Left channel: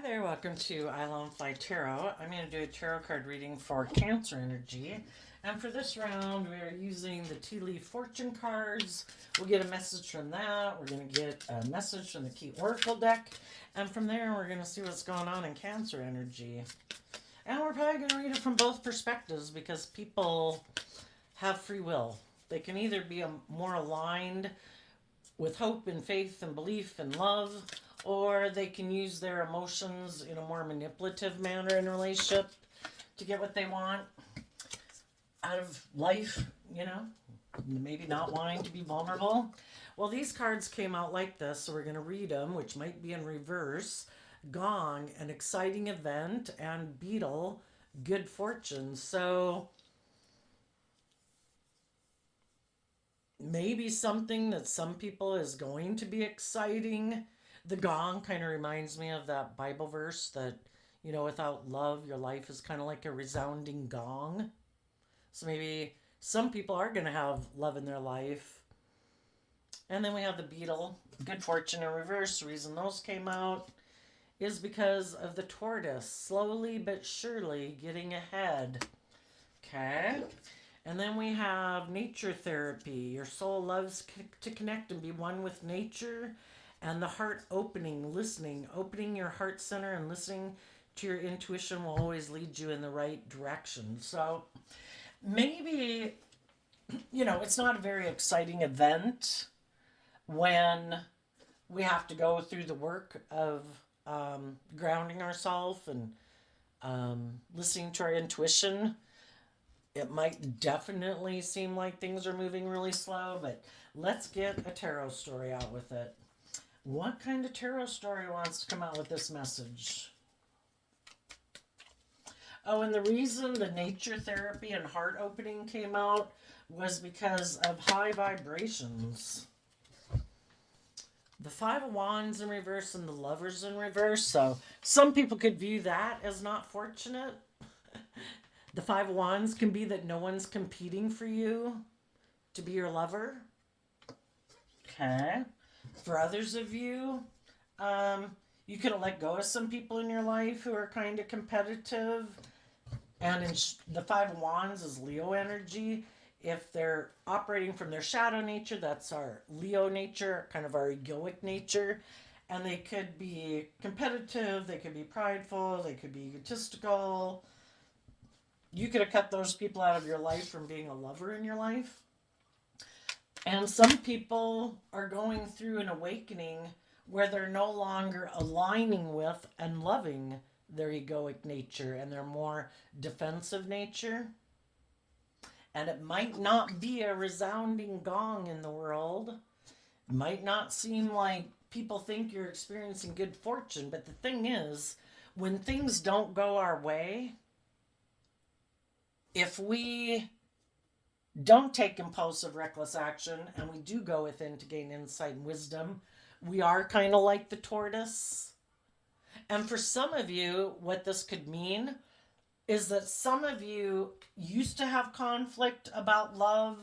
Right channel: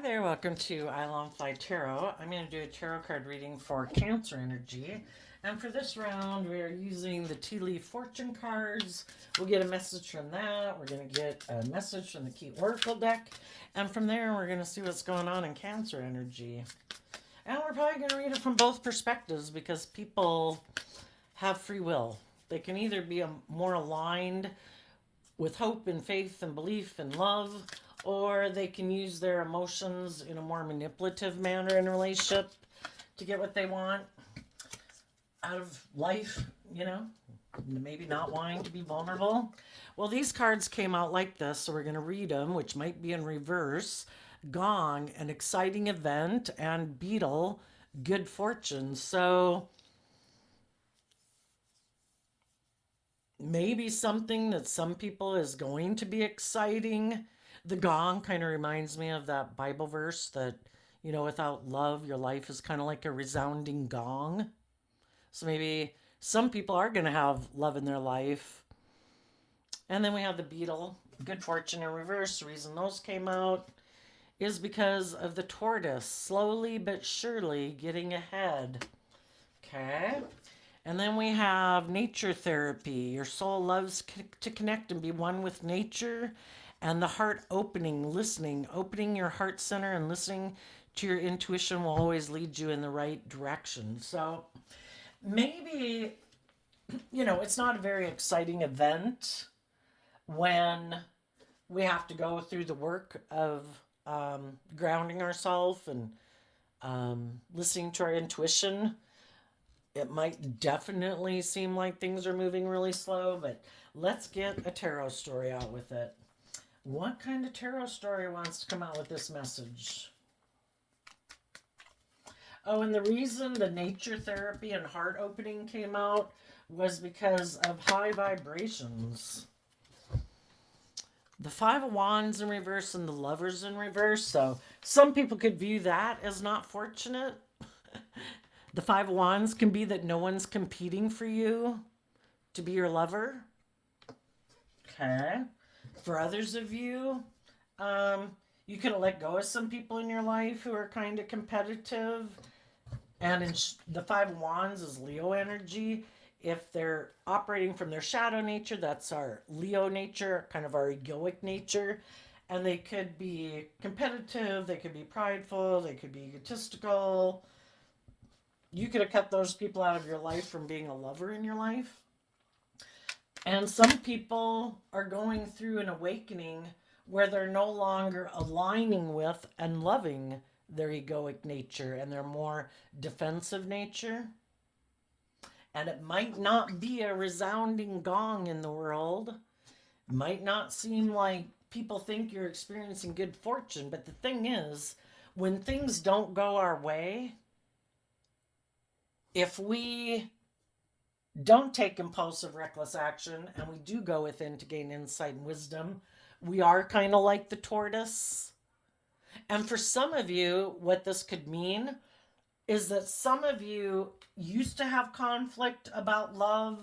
Hi there, welcome to I Love Fly Tarot. I'm going to do a tarot card reading for Cancer energy. And for this round, we are using the Tea Leaf Fortune cards. We'll get a message from that. We're going to get a message from the Key Oracle deck. And from there, we're going to see what's going on in Cancer energy. And we're probably going to read it from both perspectives because people have free will. They can either be more aligned with hope and faith and belief and love, or they can use their emotions in a more manipulative manner in a relationship to get what they want out of life, maybe not wanting to be vulnerable. Well, these cards came out like this, so we're going to read them, which might be in reverse. Gong, an exciting event, and Beetle, good fortune. So maybe something that some people is going to be exciting. The gong kind of reminds me of that Bible verse that, without love, your life is kind of like a resounding gong. So maybe some people are going to have love in their life. And then we have the beetle, good fortune in reverse. The reason those came out is because of the tortoise, slowly but surely getting ahead. Okay. And then we have nature therapy. Your soul loves to connect and be one with nature. And the heart opening, listening, opening your heart center and listening to your intuition will always lead you in the right direction. So maybe, it's not a very exciting event when we have to go through the work of grounding ourselves and listening to our intuition. It might definitely seem like things are moving really slow, but let's get a tarot story out with it. What kind of tarot story wants to come out with this message? Oh, and the reason the nature therapy and heart opening came out was because of high vibrations. The Five of Wands in reverse and the Lovers in reverse. So some people could view that as not fortunate. The Five of Wands can be that no one's competing for you to be your lover. Okay. For others of you, you can let go of some people in your life who are kind of competitive. And the Five of Wands is Leo energy. If they're operating from their shadow nature, that's our Leo nature, kind of our egoic nature. And they could be competitive, they could be prideful, they could be egotistical. You could have cut those people out of your life from being a lover in your life. And some people are going through an awakening where they're no longer aligning with and loving their egoic nature and their more defensive nature. And it might not be a resounding gong in the world. It might not seem like people think you're experiencing good fortune. But the thing is, when things don't go our way, if we don't take impulsive, reckless action and we do go within to gain insight and wisdom, we are kind of like the tortoise. And for some of you, what this could mean is that some of you used to have conflict about love,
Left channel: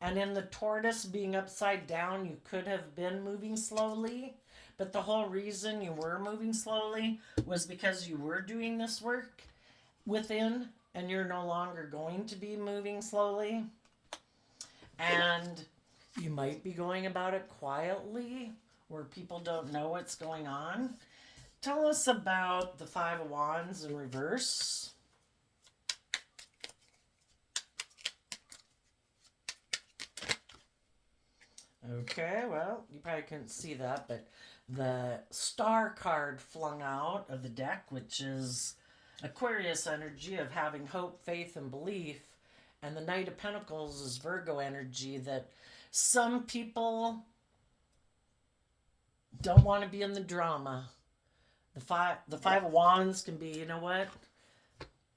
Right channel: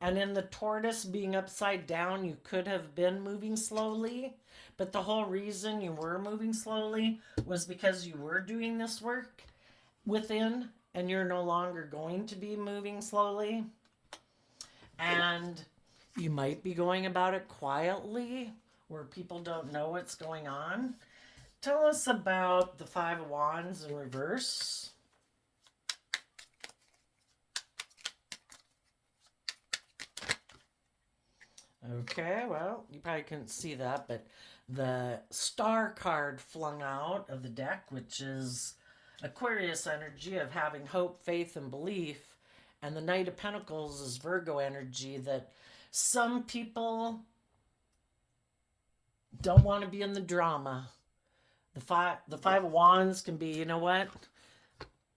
and in the tortoise being upside down, you could have been moving slowly. But the whole reason you were moving slowly was because you were doing this work within, and you're no longer going to be moving slowly. And you might be going about it quietly where people don't know what's going on. Tell us about the Five of Wands in reverse. Okay, well, you probably couldn't see that, but the star card flung out of the deck, which is Aquarius energy of having hope, faith, and belief. And the Knight of Pentacles is Virgo energy that some people don't want to be in the drama. The Five of Wands can be, you know what?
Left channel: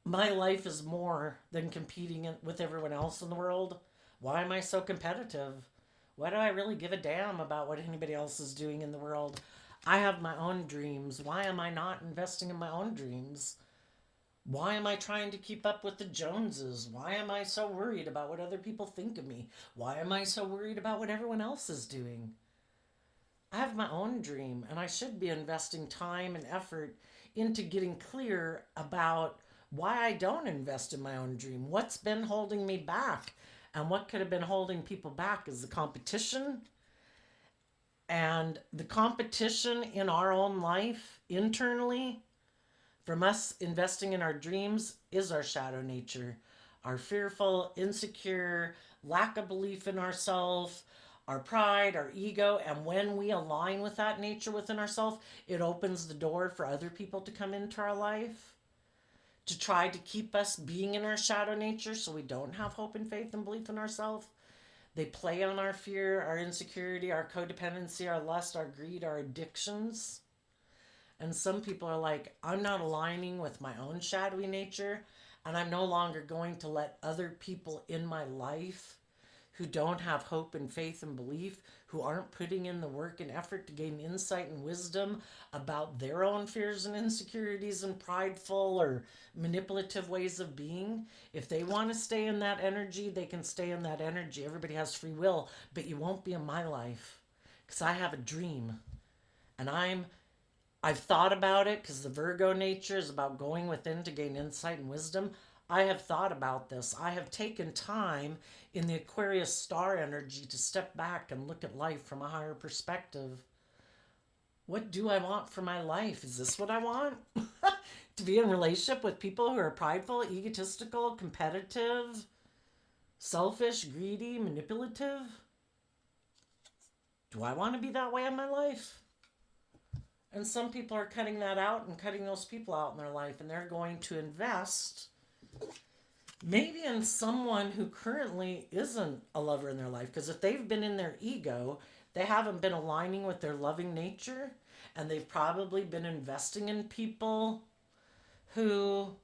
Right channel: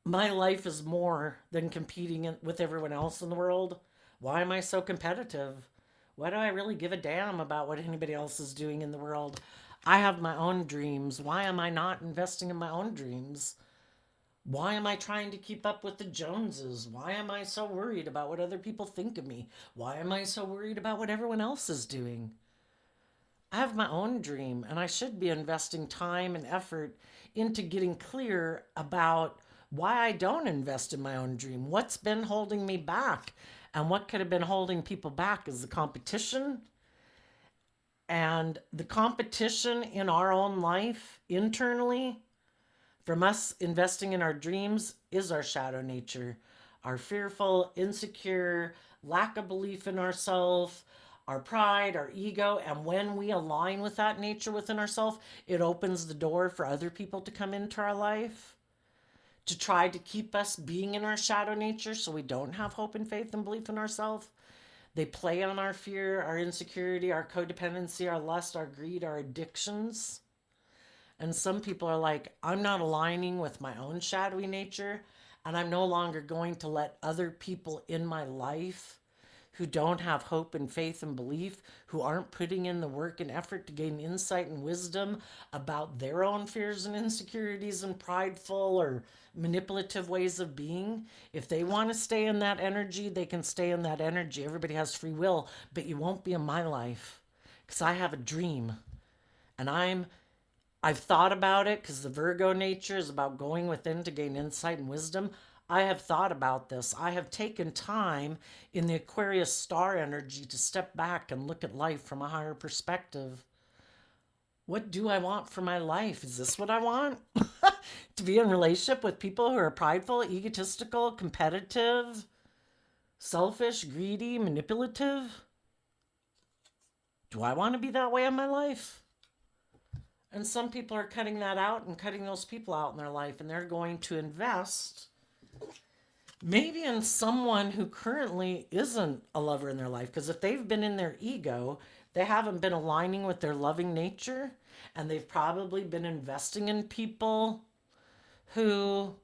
My life is more than competing with everyone else in the world. Why am I so competitive? Why do I really give a damn about what anybody else is doing in the world? I have my own dreams. Why am I not investing in my own dreams? Why am I trying to keep up with the Joneses? Why am I so worried about what other people think of me? Why am I so worried about what everyone else is doing? I have my own dream, and I should be investing time and effort into getting clear about why I don't invest in my own dream. What's been holding me back? And what could have been holding people back is the competition. And the competition in our own life internally from us investing in our dreams is our shadow nature, our fearful, insecure, lack of belief in ourselves, our pride, our ego. And when we align with that nature within ourselves, it opens the door for other people to come into our life to try to keep us being in our shadow nature so we don't have hope and faith and belief in ourselves. They play on our fear, our insecurity, our codependency, our lust, our greed, our addictions. And some people are like, I'm not aligning with my own shadowy nature, and I'm no longer going to let other people in my life who don't have hope and faith and belief, who aren't putting in the work and effort to gain insight and wisdom about their own fears and insecurities and prideful or manipulative ways of being. If they want to stay in that energy, they can stay in that energy. Everybody has free will, but you won't be in my life because I have a dream. And I've thought about it because the Virgo nature is about going within to gain insight and wisdom. I have thought about this. I have taken time in the Aquarius star energy to step back and look at life from a higher perspective. What do I want for my life? Is this what I want? To be in relationship with people who are prideful, egotistical, competitive, selfish, greedy, manipulative? Do I want to be that way in my life? And some people are cutting that out and cutting those people out in their life, and they're going to invest maybe in someone who currently isn't a lover in their life. Because if they've been in their ego, they haven't been aligning with their loving nature, and they've probably been investing in people who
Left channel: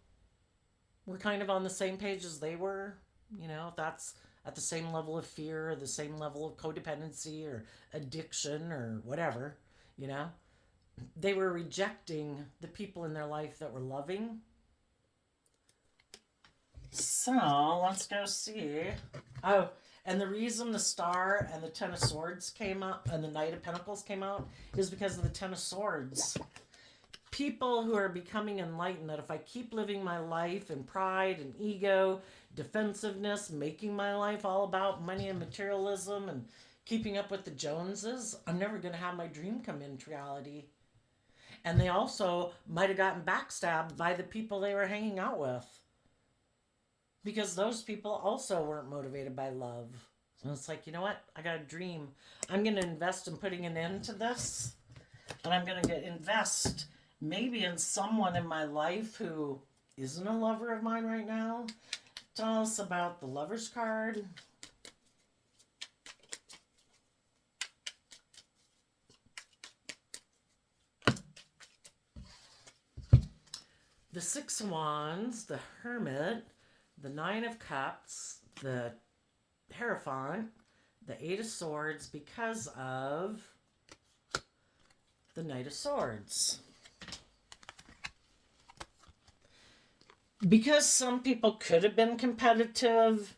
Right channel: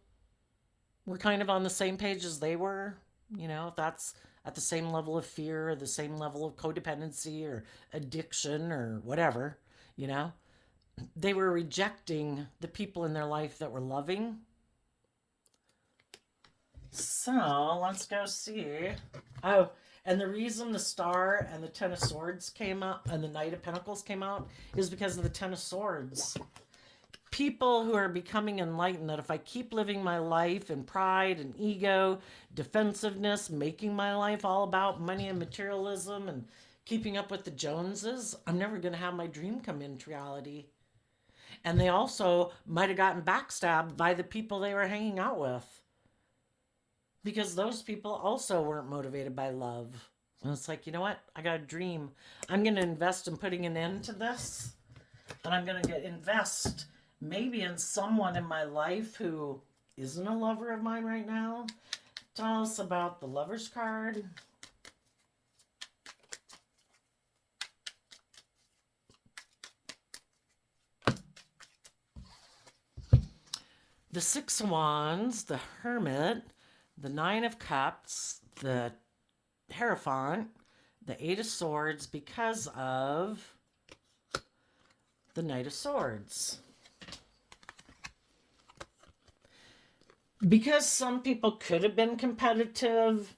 were kind of on the same page as they were. You know, if that's at the same level of fear or the same level of codependency or addiction or whatever, you know. They were rejecting the people in their life that were loving. So let's go see. Oh, and the reason the Star and the Ten of Swords came out and the Knight of Pentacles came out is because of the Ten of Swords. People who are becoming enlightened that if I keep living my life in pride and ego, defensiveness, making my life all about money and materialism and keeping up with the Joneses, I'm never going to have my dream come into reality. And they also might have gotten backstabbed by the people they were hanging out with. Because those people also weren't motivated by love. And it's like, you know what? I got a dream. I'm going to invest in putting an end to this. And I'm going to invest maybe in someone in my life who isn't a lover of mine right now. Tell us about the Lover's card. The Six of Wands, the Hermit, the Nine of Cups, the Hierophant, the Eight of Swords, because of the Knight of Swords. Because some people could have been competitive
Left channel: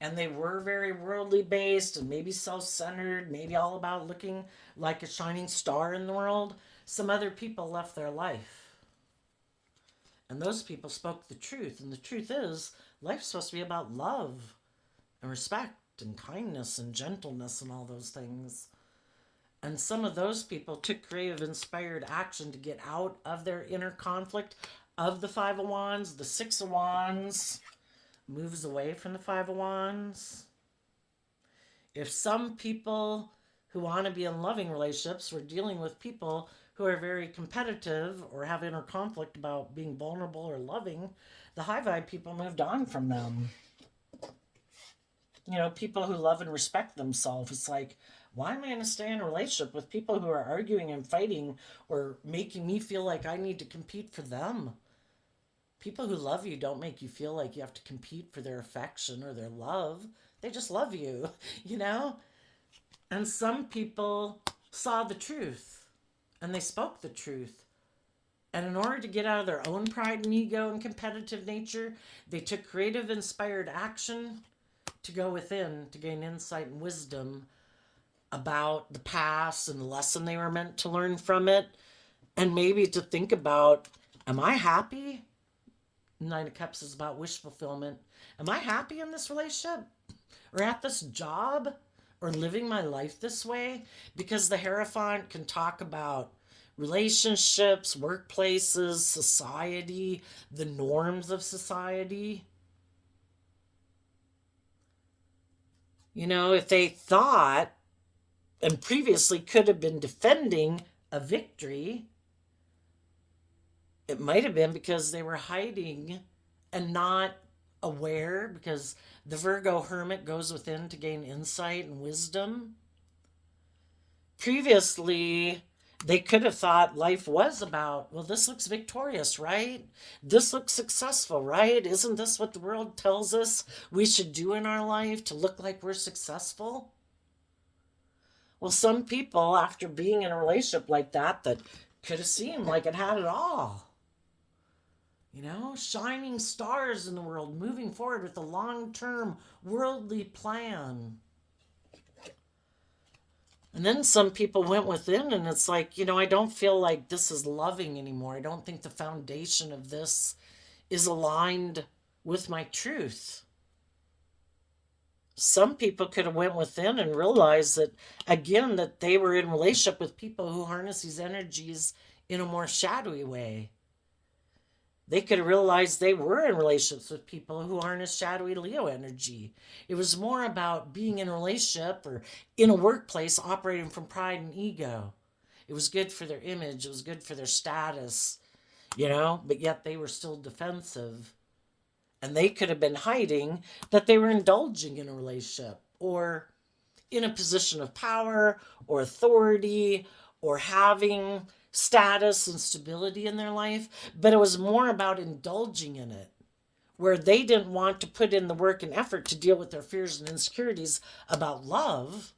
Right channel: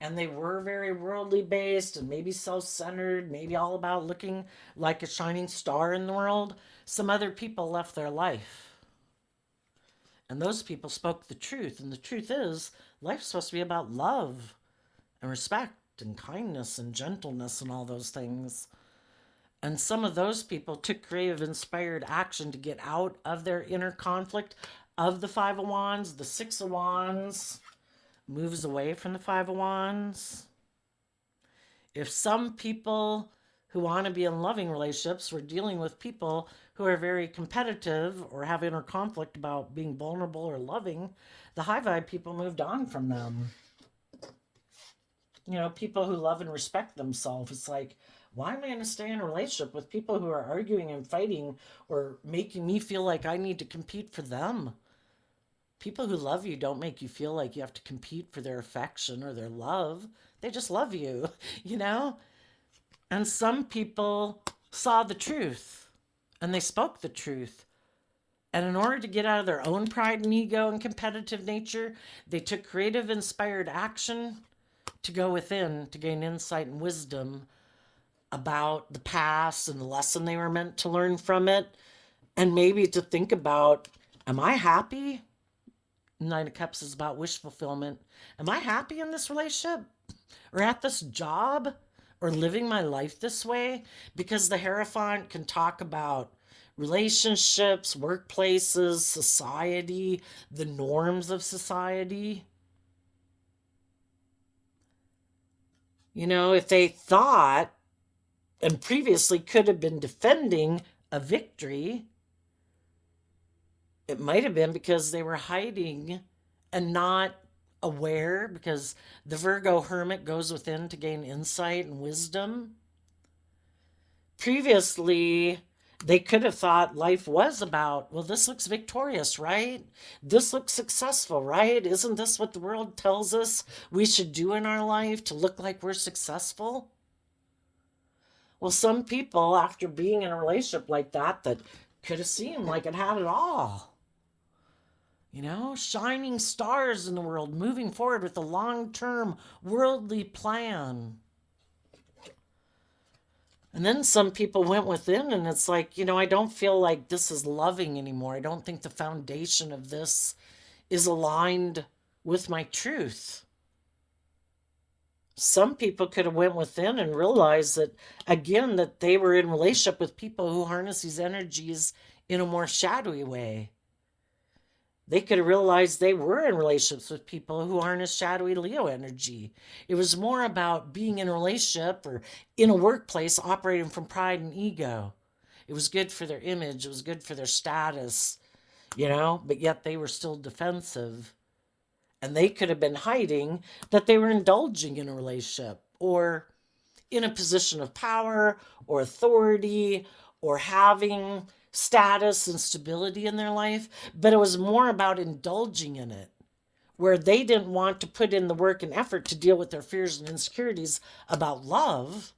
and they were very worldly based and maybe self-centered, maybe all about looking like a shining star in the world, some other people left their life. And those people spoke the truth. And the truth is, life's supposed to be about love and respect and kindness and gentleness and all those things. And some of those people took creative, inspired action to get out of their inner conflict of the Five of Wands. The Six of Wands moves away from the Five of Wands. If some people who want to be in loving relationships were dealing with people who are very competitive or have inner conflict about being vulnerable or loving, the high vibe people moved on from them. You know, people who love and respect themselves. It's like, why am I going to stay in a relationship with people who are arguing and fighting or making me feel like I need to compete for them? People who love you don't make you feel like you have to compete for their affection or their love. They just love you, you know? And some people saw the truth and they spoke the truth. And in order to get out of their own pride and ego and competitive nature, they took creative, inspired action to go within to gain insight and wisdom about the past and the lesson they were meant to learn from it, and maybe to think about, am I happy? Nine of Cups is about wish fulfillment. Am I happy in this relationship or at this job or living my life this way? Because the Hierophant can talk about relationships, workplaces, society, the norms of society. You know, if they thought and previously could have been defending a victory, it might have been because they were hiding and not aware, because the Virgo hermit goes within to gain insight and wisdom. Previously, they could have thought life was about, well, this looks victorious, right? This looks successful, right? Isn't this what the world tells us we should do in our life to look like we're successful? Well, some people, after being in a relationship like that, that could have seemed like it had it all, you know, shining stars in the world, moving forward with a long term worldly plan. And then some people went within, and it's like, you know, I don't feel like this is loving anymore. I don't think the foundation of this is aligned with my truth. Some people could have went within and realized that, again, that they were in relationship with people who harness these energies in a more shadowy way. They could have realized they were in relationships with people who harness shadowy Leo energy. It was more about being in a relationship or in a workplace operating from pride and ego. It was good for their image, it was good for their status, you know, but yet they were still defensive. And they could have been hiding that they were indulging in a relationship or in a position of power or authority or having status and stability in their life, but it was more about indulging in it, where they didn't want to put in the work and effort to deal with their fears and insecurities about love.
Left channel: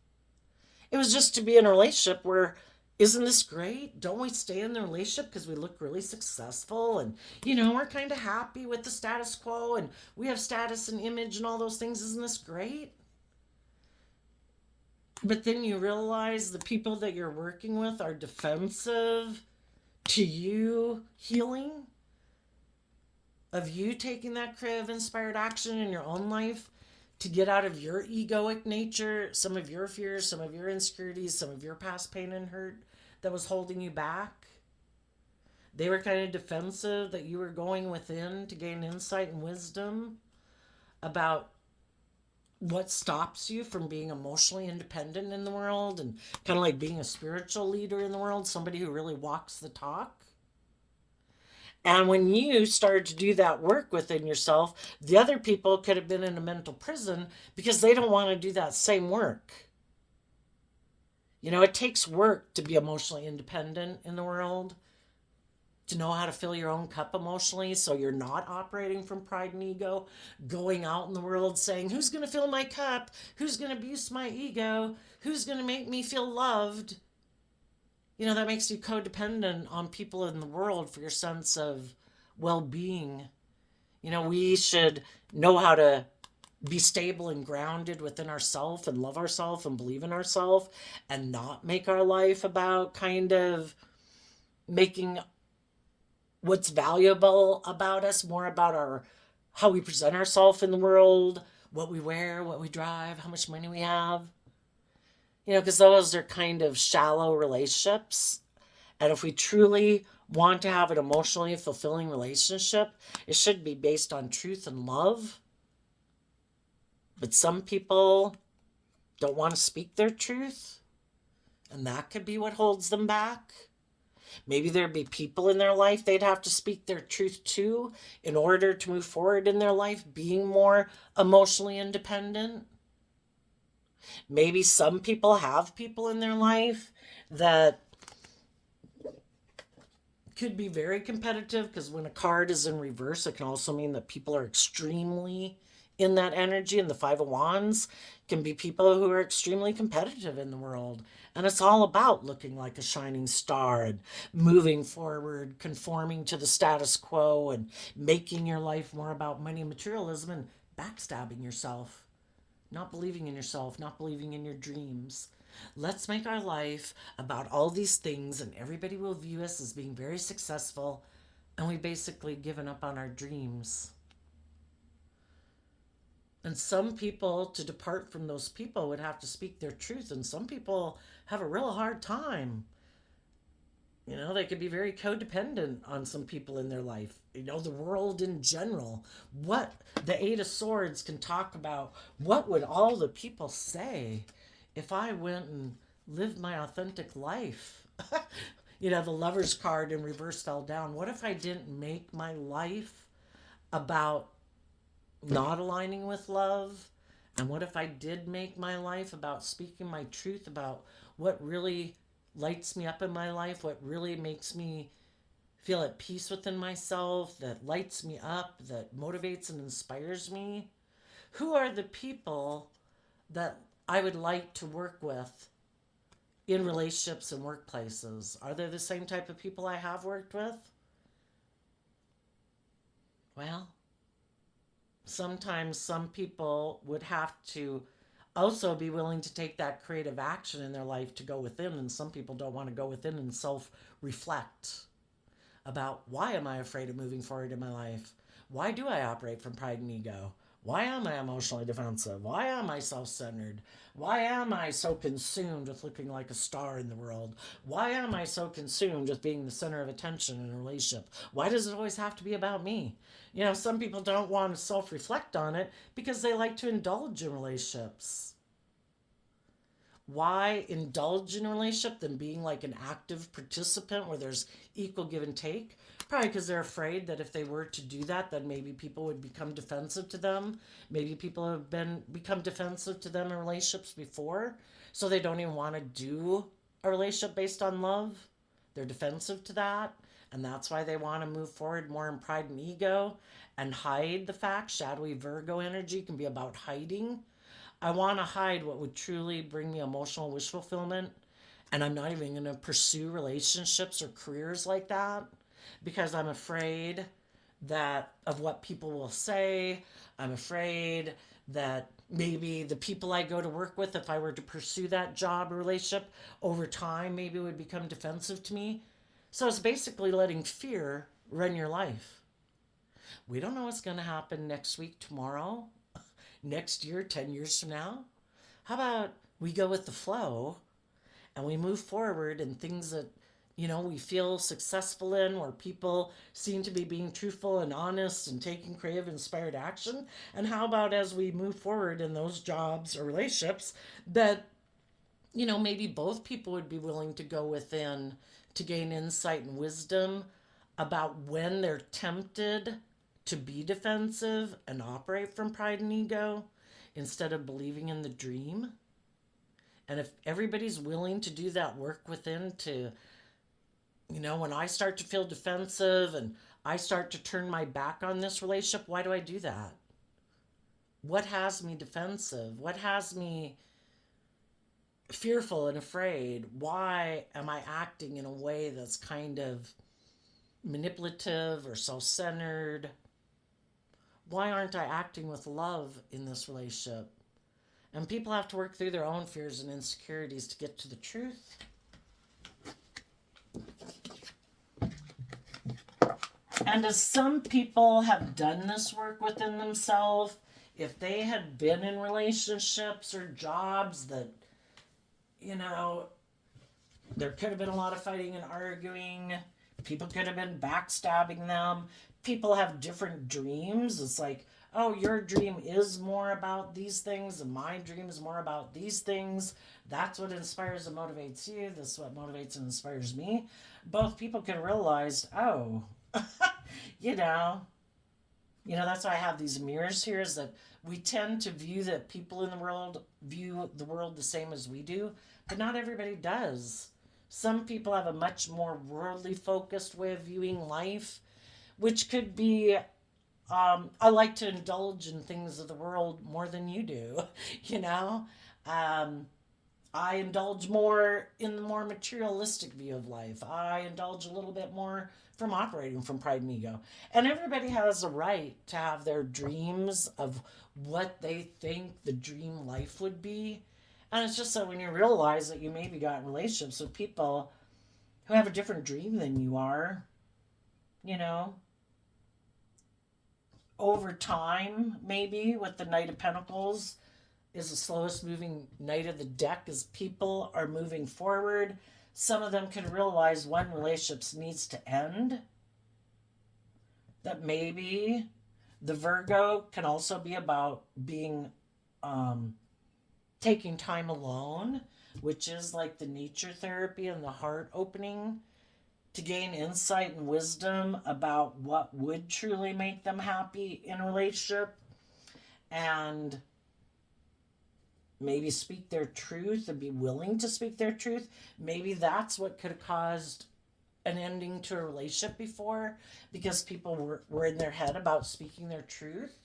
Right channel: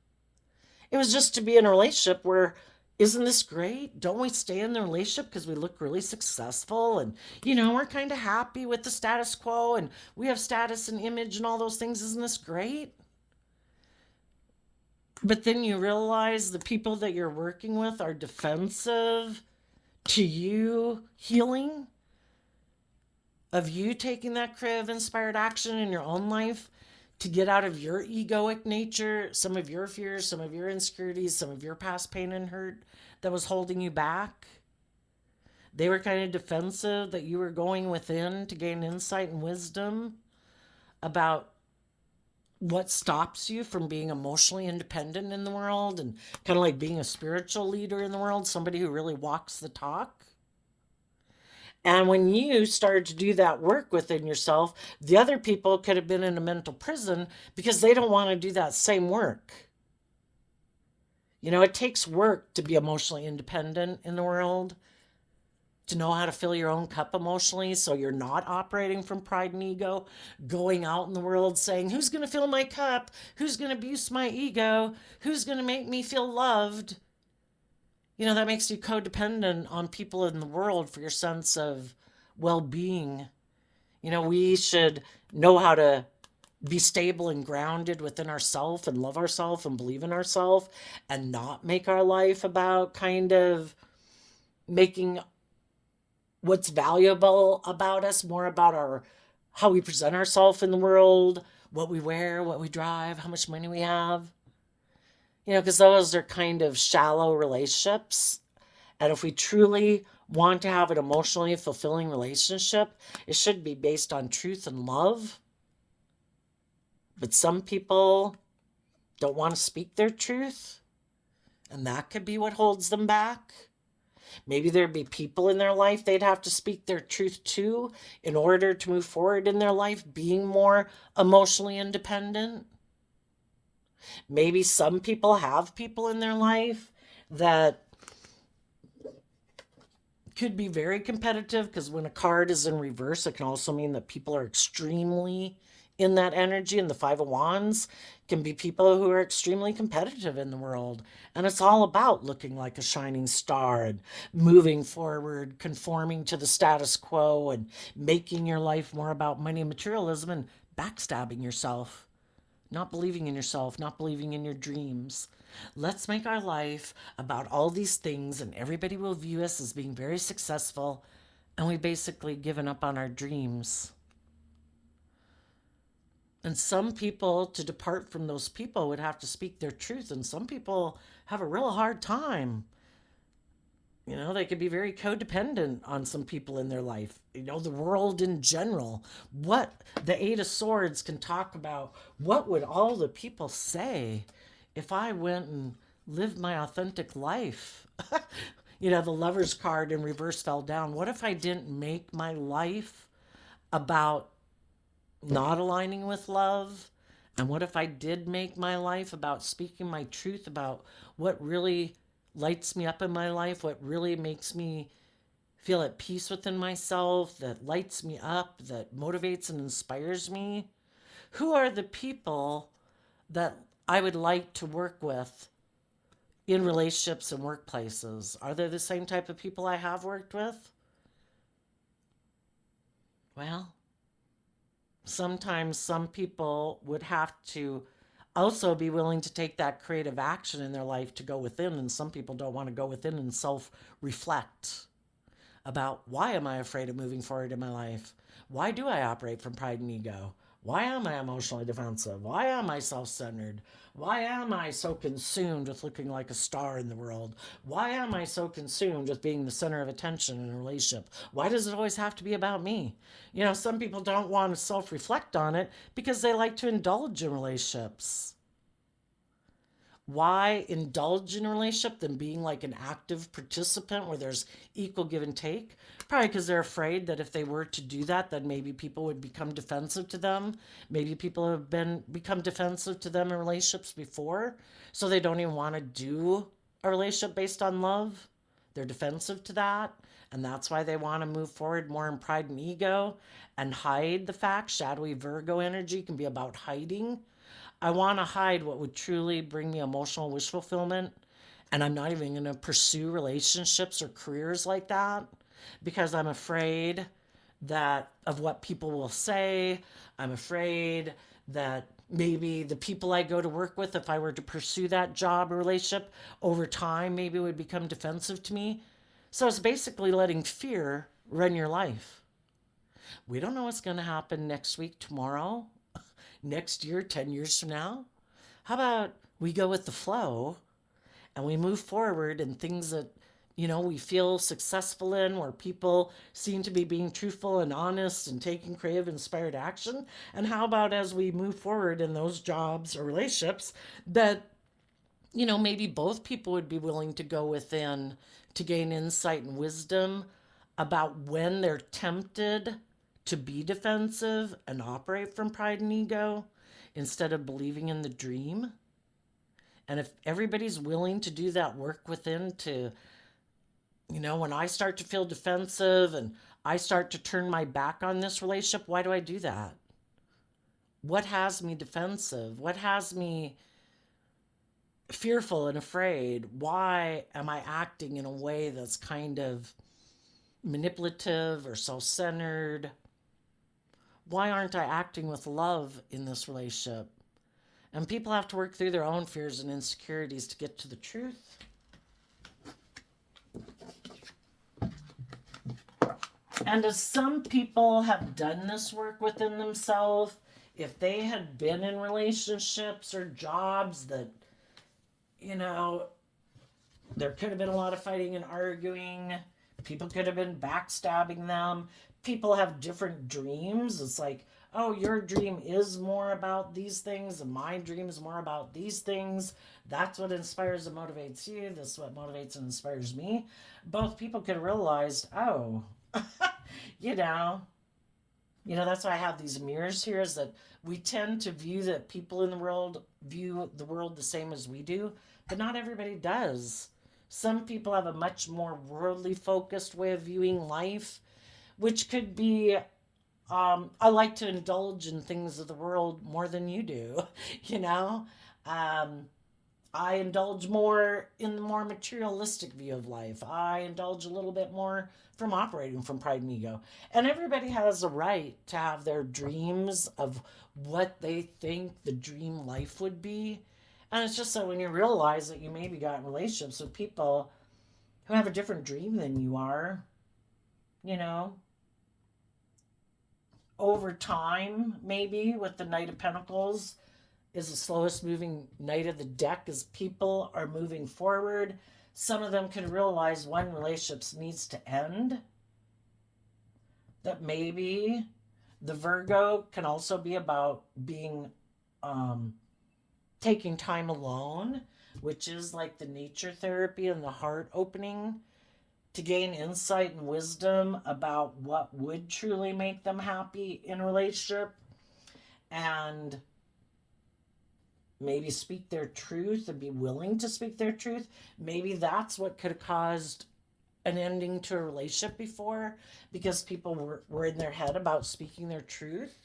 It was just to be in a relationship where, isn't this great? Don't we stay in the relationship because we look really successful and, you know, we're kind of happy with the status quo and we have status and image and all those things. Isn't this great? But then you realize the people that you're working with are defensive to you healing, of you taking that creative inspired action in your own life to get out of your egoic nature, some of your fears, some of your insecurities, some of your past pain and hurt that was holding you back. They were kind of defensive that you were going within to gain insight and wisdom about what stops you from being emotionally independent in the world and kind of like being a spiritual leader in the world, somebody who really walks the talk. And when you started to do that work within yourself, the other people could have been in a mental prison because they don't want to do that same work. You know, it takes work to be emotionally independent in the world, to know how to fill your own cup emotionally so you're not operating from pride and ego, going out in the world saying, who's going to fill my cup? Who's going to abuse my ego? Who's going to make me feel loved? You know, that makes you codependent on people in the world for your sense of well being. You know, we should know how to be stable and grounded within ourselves and love ourselves and believe in ourselves and not make our life about kind of making what's valuable about us more about our how we present ourselves in the world, what we wear, what we drive, how much money we have. You know, because those are kind of shallow relationships. And if we truly want to have an emotionally fulfilling relationship, it should be based on truth and love. But some people don't want to speak their truth, and that could be what holds them back. Maybe there'd be people in their life they'd have to speak their truth to in order to move forward in their life, being more emotionally independent. Maybe some people have people in their life that could be very competitive, because when a card is in reverse, it can also mean that people are extremely in that energy. And the Five of Wands can be people who are extremely competitive in the world. And it's all about looking like a shining star and moving forward, conforming to the status quo, and making your life more about money and materialism and backstabbing yourself, not believing in yourself, not believing in your dreams. Let's make our life about all these things, and everybody will view us as being very successful. And we basically given up on our dreams. And some people, to depart from those people, would have to speak their truth. And some people have a real hard time. They could be very codependent on some people in their life. The world in general. What the Eight of Swords can talk about. What would all the people say if I went and lived my authentic life? The Lover's card in reverse fell down. What if I didn't make my life about not aligning with love? And what if I did make my life about speaking my truth about what really lights me up in my life, what really makes me feel at peace within myself, that lights me up, that motivates and inspires me? Who are the people that I would like to work with in relationships and workplaces? Are they the same type of people I have worked with? Well, sometimes some people would have to also be willing to take that creative action in their life to go within, and some people don't want to go within and self reflect about, why am I afraid of moving forward in my life? Why do I operate from pride and ego? Why am I emotionally defensive? Why am I self centered? Why am I so consumed with looking like a star in the world? Why am I so consumed with being the center of attention in a relationship? Why does it always have to be about me? Some people don't want to self reflect on it because they like to indulge in relationships. Why indulge in a relationship than being like an active participant where there's equal give and take? Probably because they're afraid that if they were to do that, then maybe people would become defensive to them. Maybe people have become defensive to them in relationships before, so they don't even want to do a relationship based on love. They're defensive to that, and that's why they want to move forward more in pride and ego and hide the fact. Shadowy Virgo energy can be about hiding. I want to hide what would truly bring me emotional wish fulfillment. And I'm not even going to pursue relationships or careers like that because I'm afraid that of what people will say. I'm afraid that maybe the people I go to work with, if I were to pursue that job or relationship over time, maybe it would become defensive to me. So it's basically letting fear run your life. We don't know what's going to happen next week, tomorrow, next year, 10 years from now. How about we go with the flow and we move forward in things that, we feel successful in, where people seem to be being truthful and honest and taking creative, inspired action? And how about as we move forward in those jobs or relationships that, maybe both people would be willing to go within to gain insight and wisdom about when they're tempted to be defensive and operate from pride and ego instead of believing in the dream? And if everybody's willing to do that work within to, when I start to feel defensive and I start to turn my back on this relationship, why do I do that? What has me defensive? What has me fearful and afraid? Why am I acting in a way that's kind of manipulative or self centered? Why aren't I acting with love in this relationship? And people have to work through their own fears and insecurities to get to the truth. And as some people have done this work within themselves, if they had been in relationships or jobs that, there could have been a lot of fighting and arguing, people could have been backstabbing them, people have different dreams. It's like, oh, your dream is more about these things and my dream is more about these things. That's what inspires and motivates you. This is what motivates and inspires me. Both people can realize, oh, you know, that's why I have these mirrors here, is that we tend to view that people in the world view the world the same as we do, but not everybody does. Some people have a much more worldly focused way of viewing life, which could be, I like to indulge in things of the world more than you do, you know? Um, I indulge more in the more materialistic view of life. I indulge a little bit more from operating from pride and ego. And everybody has a right to have their dreams of what they think the dream life would be. And it's just that when you realize that you maybe got in relationships with people who have a different dream than you are, you know, over time, maybe with the Knight of Pentacles is the slowest moving knight of the deck as people are moving forward. Some of them can realize when relationships needs to end. That maybe the Virgo can also be about being um, taking time alone, which is like the nature therapy and the heart opening to gain insight and wisdom about what would truly make them happy in a relationship and maybe speak their truth and be willing to speak their truth. Maybe that's what could have caused an ending to a relationship before because people were in their head about speaking their truth.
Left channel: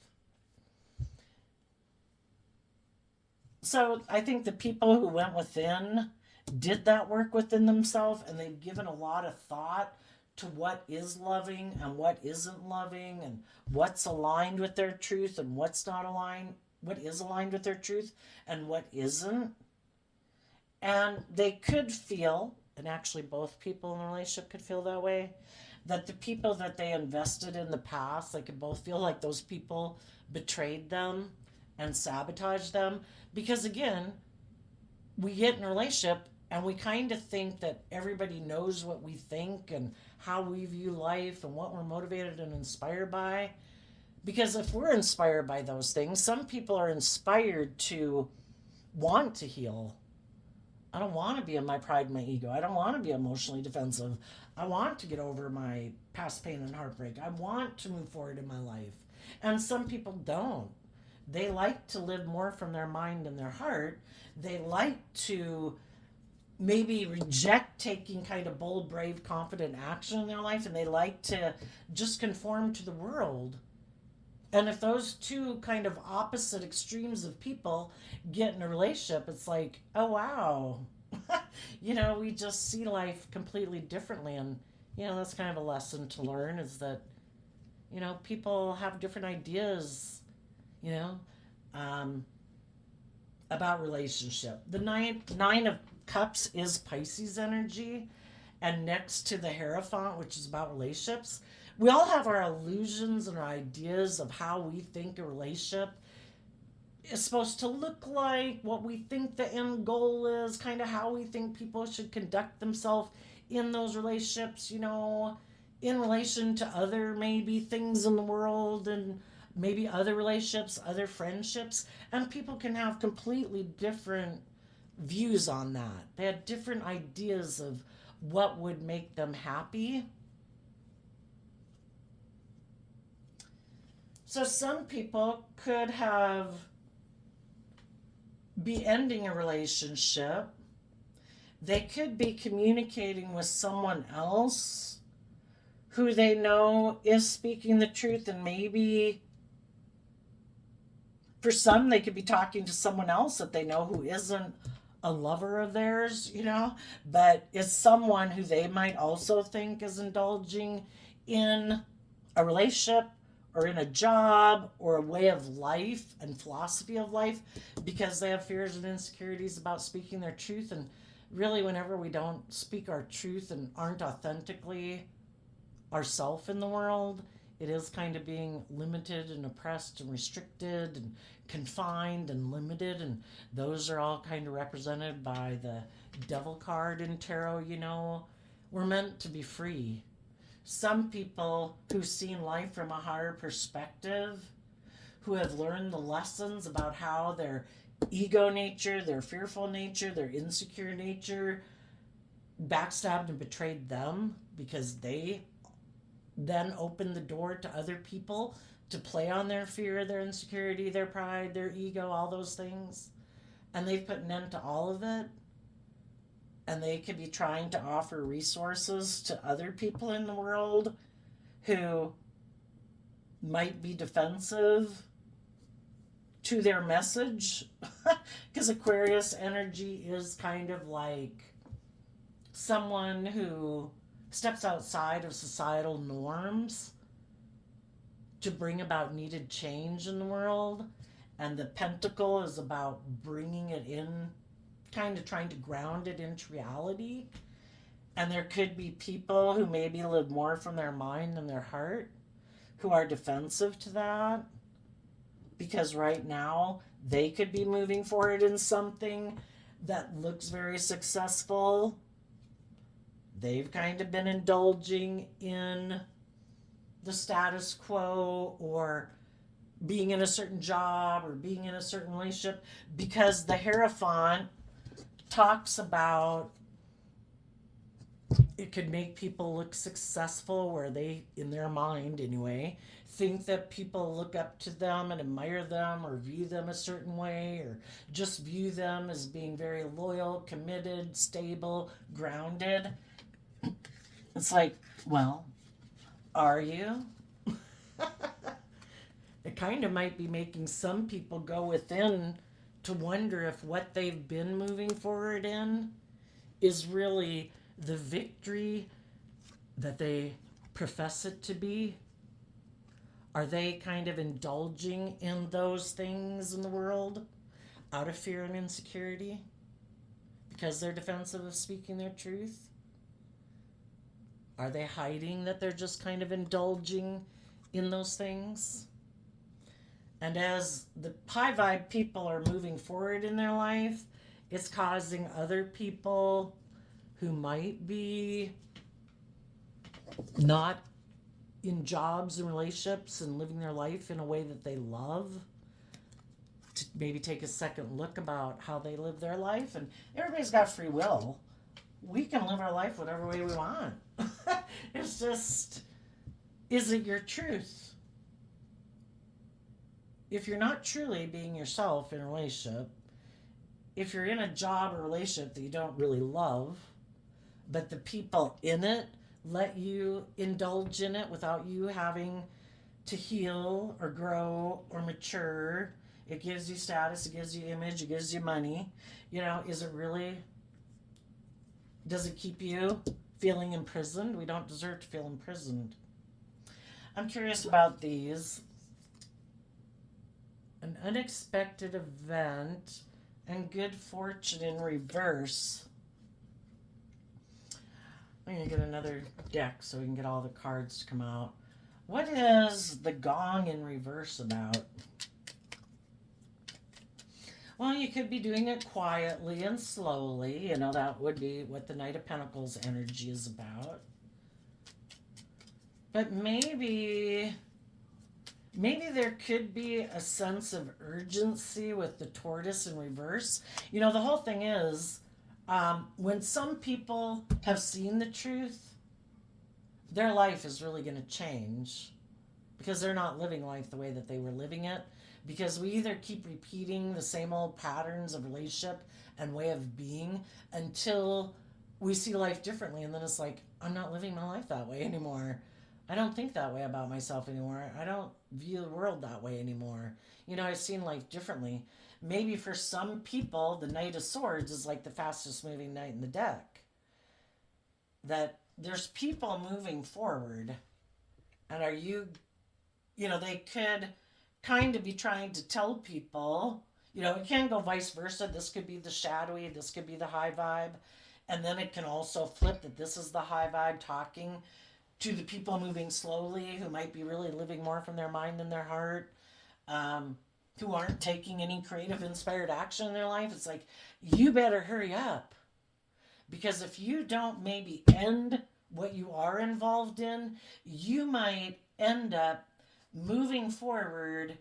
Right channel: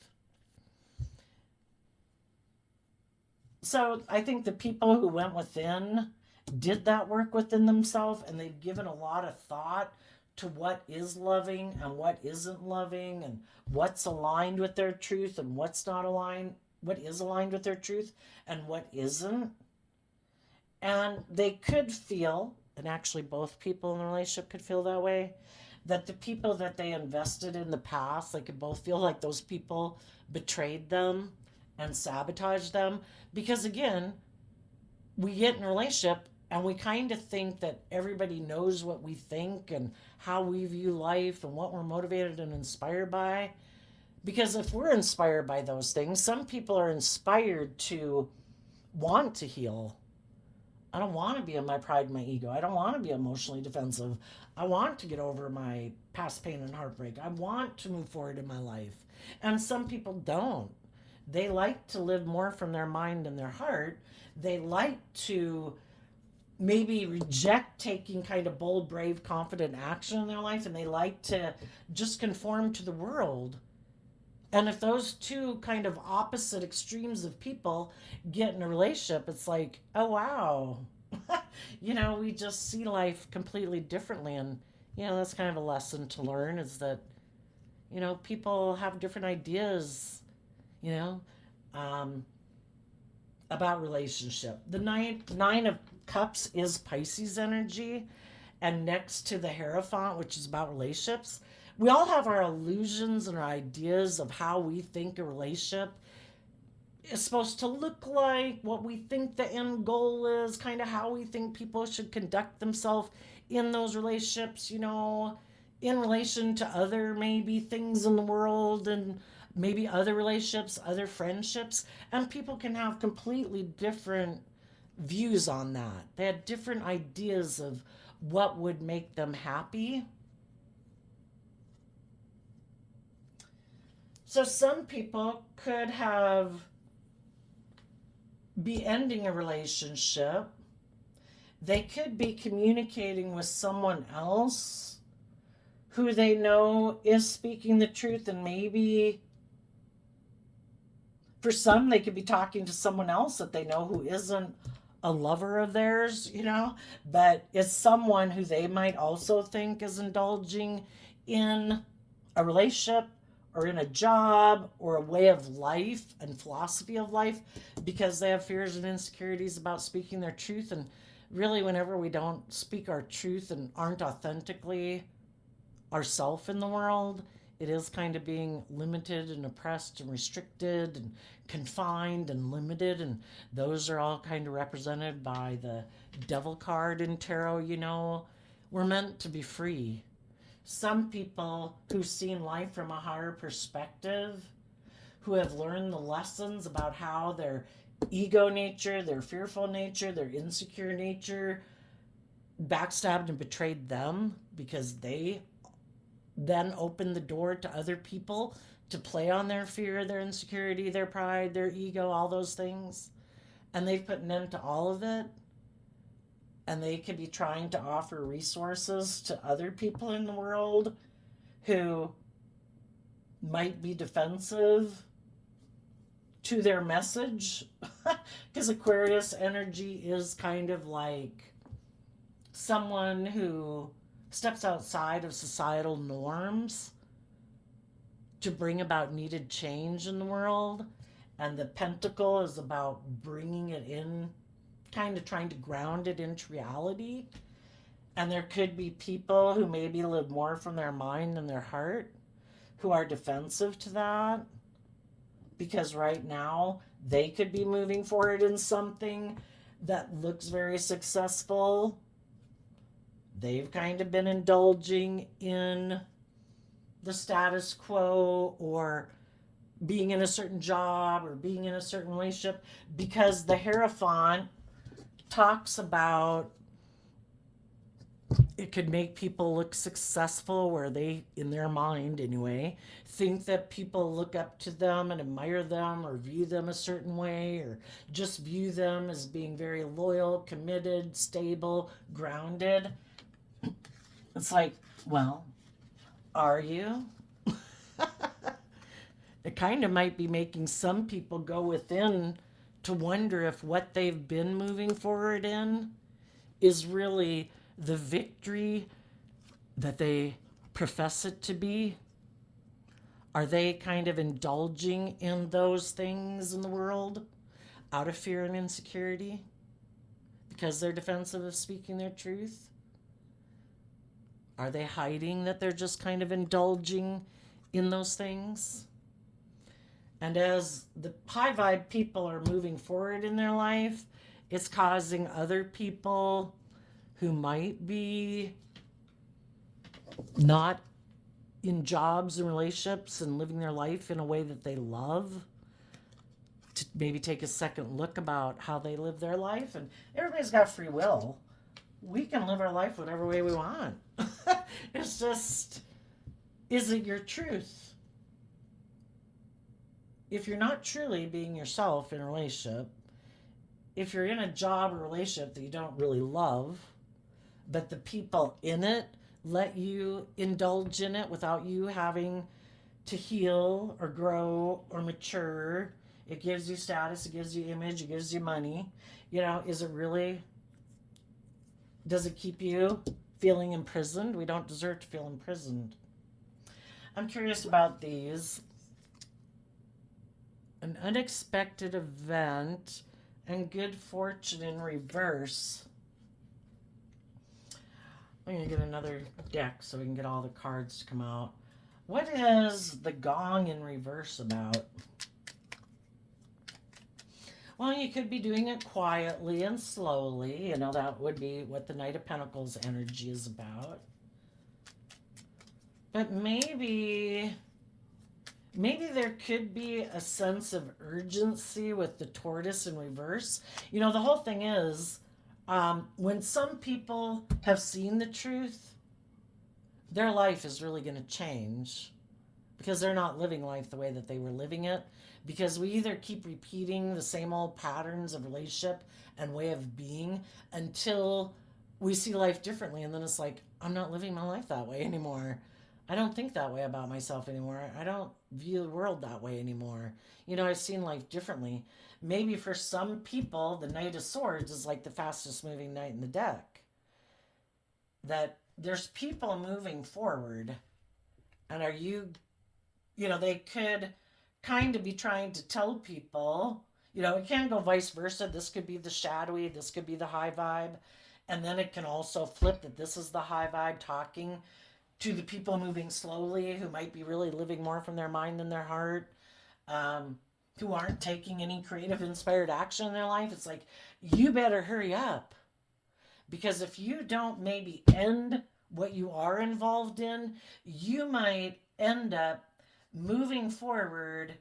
So I think the people who went within did that work within themselves and they've given a lot of thought to what is loving and what isn't loving and what's aligned with their truth and what's not aligned, what is aligned with their truth and what isn't. And they could feel, and actually both people in the relationship could feel that way, that the people that they invested in the past, they could both feel like those people betrayed them and sabotaged them. Because again, we get in a relationship and we kind of think that everybody knows what we think and how we view life and what we're motivated and inspired by. Because if we're inspired by those things, some people are inspired to want to heal. I don't want to be in my pride and my ego. I don't want to be emotionally defensive. I want to get over my past pain and heartbreak. I want to move forward in my life. And some people don't. They like to live more from their mind and their heart. They like to maybe reject taking kind of bold, brave, confident action in their life, and they like to just conform to the world. And if those two kind of opposite extremes of people get in a relationship, it's like, oh, wow. We just see life completely differently. And, that's kind of a lesson to learn is that, people have different ideas, you know, um, about relationship. The nine of cups is Pisces energy. And next to the Hierophant, which is about relationships, we all have our illusions and our ideas of how we think a relationship is supposed to look like, what we think the end goal is, kind of how we think people should conduct themselves in those relationships, in relation to other maybe things in the world and maybe other relationships, other friendships. And people can have completely different views on that. They had different ideas of what would make them happy. So some people could be ending a relationship. They could be communicating with someone else who they know is speaking the truth, and maybe for some they could be talking to someone else that they know who isn't a lover of theirs, but it's someone who they might also think is indulging in a relationship or in a job or a way of life and philosophy of life because they have fears and insecurities about speaking their truth. And really, whenever we don't speak our truth and aren't authentically ourself in the world, it is kind of being limited and oppressed and restricted and confined and limited. And those are all kind of represented by the devil card in tarot. We're meant to be free. Some people who've seen life from a higher perspective, who have learned the lessons about how their ego nature, their fearful nature, their insecure nature backstabbed and betrayed them because they then opened the door to other people to play on their fear, their insecurity, their pride, their ego, all those things. And they've put an end to all of it. And they could be trying to offer resources to other people in the world who might be defensive to their message. Because Aquarius energy is kind of like someone who steps outside of societal norms to bring about needed change in the world. And the pentacle is about bringing it in kind of trying to ground it into reality. And there could be people who maybe live more from their mind than their heart who are defensive to that because right now they could be moving forward in something that looks very successful. They've kind of been indulging in the status quo or being in a certain job or being in a certain relationship because the Hierophant talks about it could make people look successful where they, in their mind anyway, think that people look up to them and admire them or view them a certain way or just view them as being very loyal, committed, stable, grounded. It's like, well, are you? It kind of might be making some people go within to wonder if what they've been moving forward in is really the victory that they profess it to be. Are they kind of indulging in those things in the world out of fear and insecurity because they're defensive of speaking their truth? Are they hiding that they're just kind of indulging in those things? And as the high vibe people are moving forward in their life, it's causing other people who might be not in jobs and relationships and living their life in a way that they love to maybe take a second look about how they live their life. And everybody's got free will. We can live our life whatever way we want. It's just, is it your truth? If you're not truly being yourself in a relationship, if you're in a job or relationship that you don't really love, but the people in it let you indulge in it without you having to heal or grow or mature, it gives you status, it gives you image, it gives you money. Is it really, does it keep you feeling imprisoned? We don't deserve to feel imprisoned. I'm curious about these. An unexpected event and good fortune in reverse. I'm going to get another deck so we can get all the cards to come out. What is the gong in reverse about? Well, you could be doing it quietly and slowly. That would be what the Knight of Pentacles energy is about. But maybe there could be a sense of urgency with the tortoise in reverse. The whole thing is, when some people have seen the truth, their life is really going to change because they're not living life the way that they were living it. Because we either keep repeating the same old patterns of relationship and way of being until we see life differently. And then it's like, I'm not living my life that way anymore. I don't think that way about myself anymore. I don't view the world that way anymore. I've seen life differently. Maybe for some people, the Knight of Swords is like the fastest moving knight in the deck. That there's people moving forward. And they could kind of be trying to tell people, it can go vice versa. This could be the shadowy, this could be the high vibe. And then it can also flip that this is the high vibe talking to the people moving slowly who might be really living more from their mind than their heart, who aren't taking any creative, inspired action in their life. It's like, you better hurry up. Because if you don't maybe end what you are involved in, you might end up moving forward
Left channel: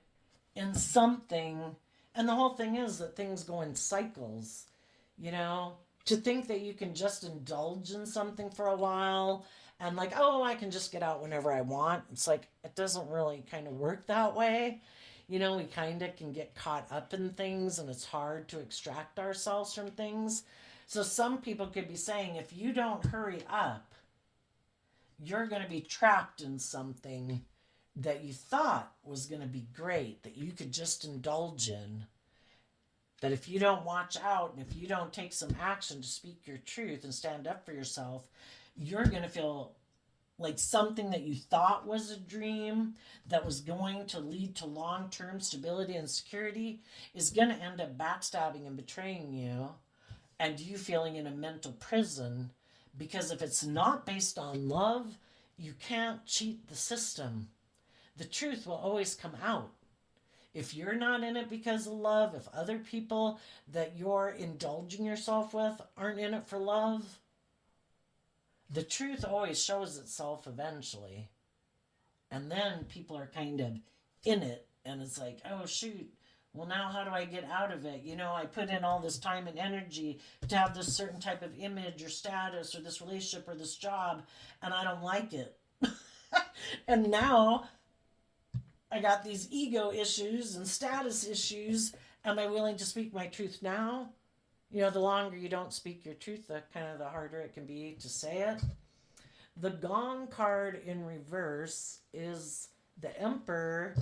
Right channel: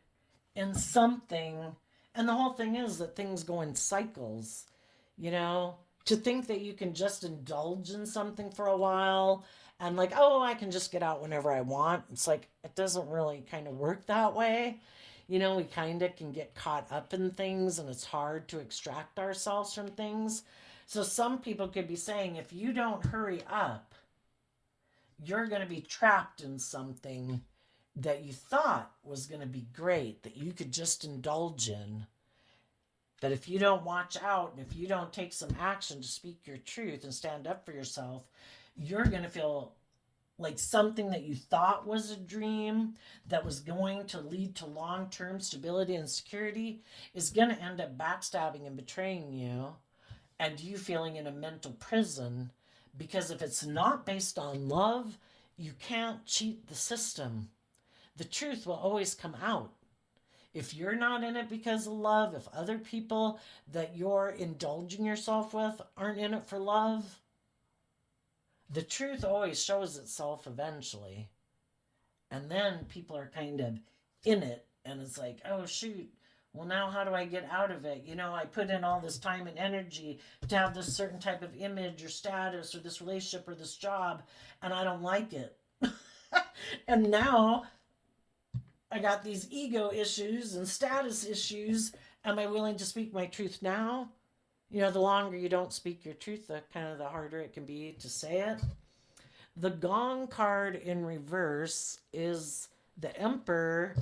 in something. And the whole thing is that things go in cycles, to think that you can just indulge in something for a while and like, oh, I can just get out whenever I want. It's like, it doesn't really kind of work that way. We kind of can get caught up in things and it's hard to extract ourselves from things. So some people could be saying, if you don't hurry up, you're going to be trapped in something that you thought was going to be great, that you could just indulge in. But if you don't watch out and if you don't take some action to speak your truth and stand up for yourself, you're going to feel like something that you thought was a dream that was going to lead to long-term stability and security is going to end up backstabbing and betraying you. and you feeling in a mental prison, because if it's not based on love, you can't cheat the system. The truth will always come out. If you're not in it because of love, if other people that you're indulging yourself with aren't in it for love, the truth always shows itself eventually. And then people are kind of in it, and it's like, oh, shoot. Well, now how do I get out of it? I put in all this time and energy to have this certain type of image or status or this relationship or this job, and I don't like it. And now I got these ego issues and status issues. Am I willing to speak my truth now? The longer you don't speak your truth, the harder it can be to say it. The Gong card in reverse is the Emperor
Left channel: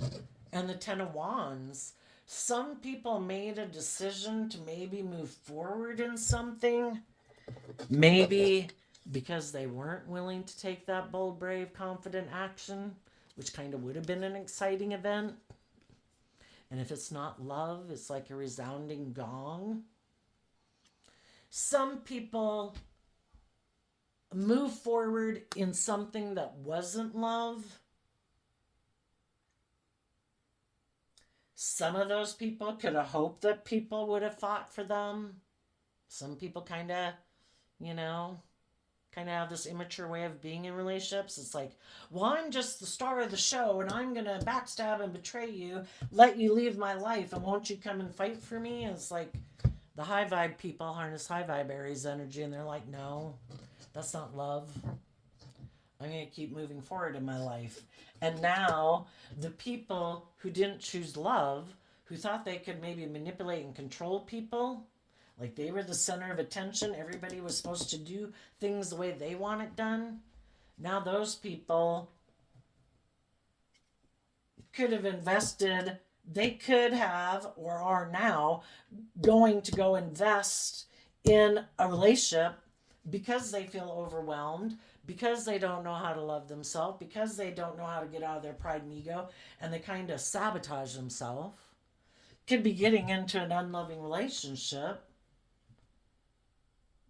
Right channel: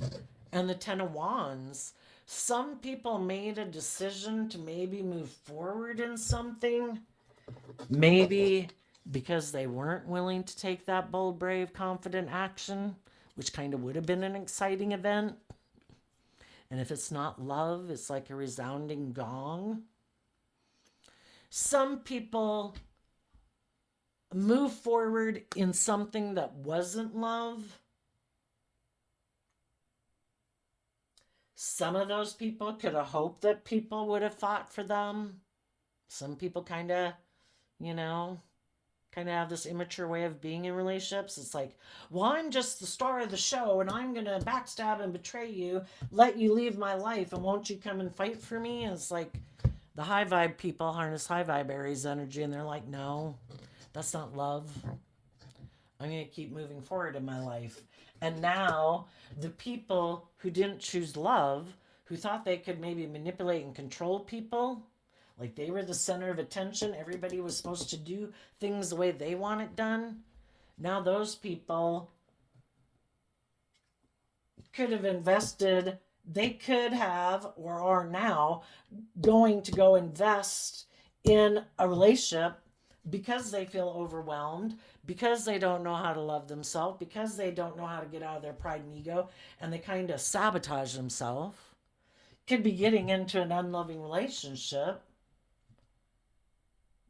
and the Ten of Wands. Some people made a decision to maybe move forward in something, maybe because they weren't willing to take that bold, brave, confident action, which kind of would have been an exciting event. And if it's not love, it's like a resounding gong. Some people move forward in something that wasn't love. Some of those people could have hoped that people would have fought for them. Some people kind of have this immature way of being in relationships. It's like, well, I'm just the star of the show and I'm going to backstab and betray you, let you leave my life, and won't you come and fight for me? And it's like the high vibe people harness high vibe Aries energy, and they're like, no, that's not love. I'm going to keep moving forward in my life. And now the people who didn't choose love, who thought they could maybe manipulate and control people, like they were the center of attention, everybody was supposed to do things the way they want it done. Now those people could have invested, they could have, or are now going to go invest in a relationship because they feel overwhelmed, because they don't know how to love themselves, because they don't know how to get out of their pride and ego, and they kind of sabotage themselves. Could be getting into an unloving relationship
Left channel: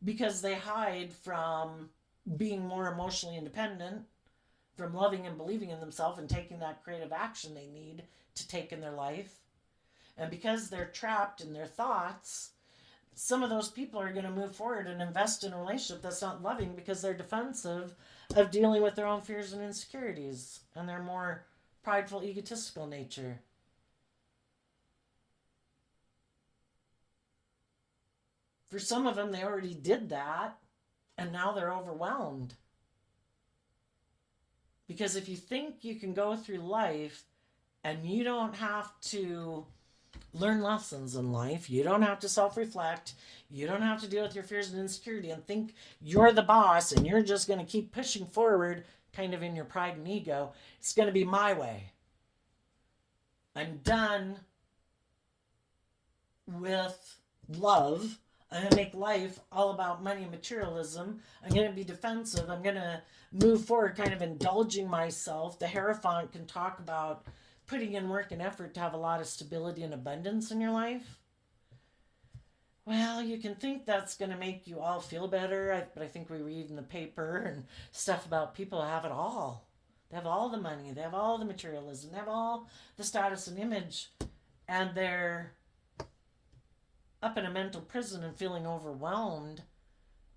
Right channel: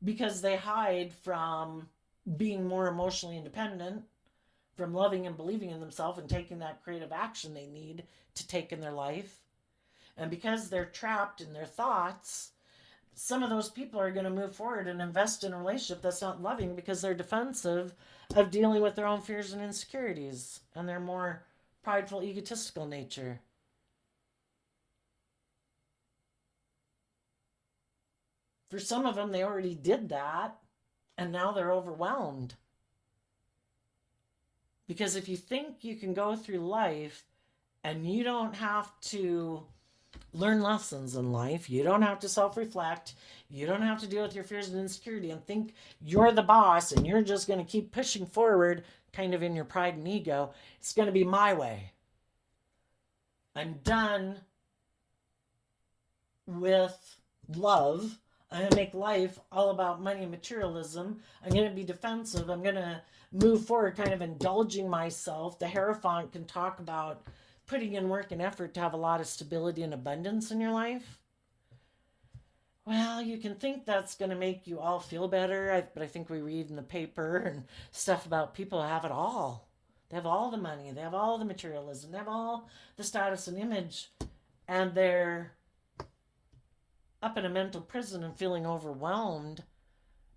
because they hide from being more emotionally independent, from loving and believing in themselves and taking that creative action they need to take in their life. And because they're trapped in their thoughts, some of those people are going to move forward and invest in a relationship that's not loving because they're defensive of dealing with their own fears and insecurities and their more prideful, egotistical nature. For some of them, they already did that, and now they're overwhelmed. Because if you think you can go through life and you don't have to learn lessons in life, you don't have to self-reflect, you don't have to deal with your fears and insecurity and think you're the boss and you're just going to keep pushing forward kind of in your pride and ego, it's going to be my way. I'm done with love. I'm going to make life all about money and materialism. I'm going to be defensive. I'm going to move forward kind of indulging myself. The Hierophant can talk about putting in work and effort to have a lot of stability and abundance in your life. Well, you can think that's going to make you all feel better, but I think we read in the paper and stuff about people who have it all. They have all the money, they have all the materialism, they have all the status and image, and they're up in a mental prison and feeling overwhelmed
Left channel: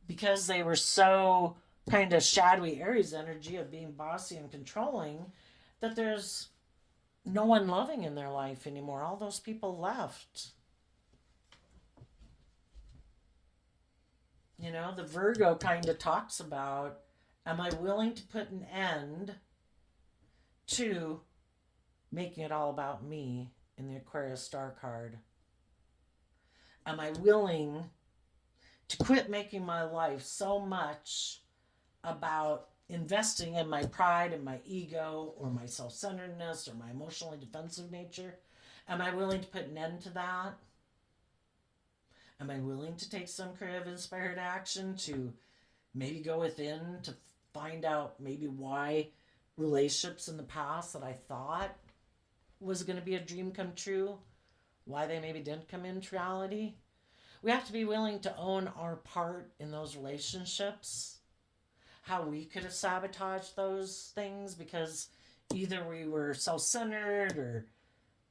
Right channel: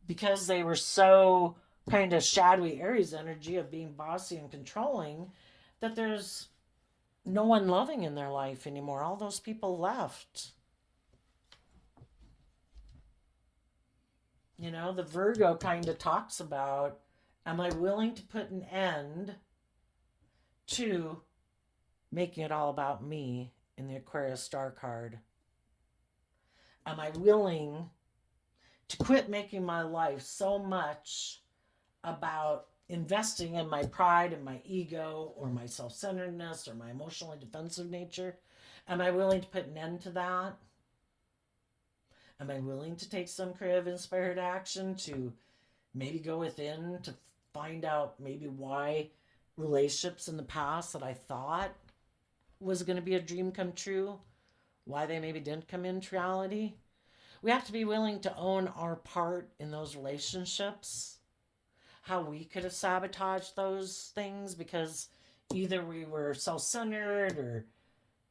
because they were so kind of shadowy Aries energy of being bossy and controlling that there's no one loving in their life anymore. All those people left. The Virgo kind of talks about, am I willing to put an end to making it all about me in the Aquarius star card? Am I willing to quit making my life so much about investing in my pride and my ego or my self-centeredness or my emotionally defensive nature? Am I willing to put an end to that? Am I willing to take some creative inspired action to maybe go within to find out maybe why relationships in the past that I thought was going to be a dream come true, why they maybe didn't come into reality? We have to be willing to own our part in those relationships, how we could have sabotaged those things because either we were self centered or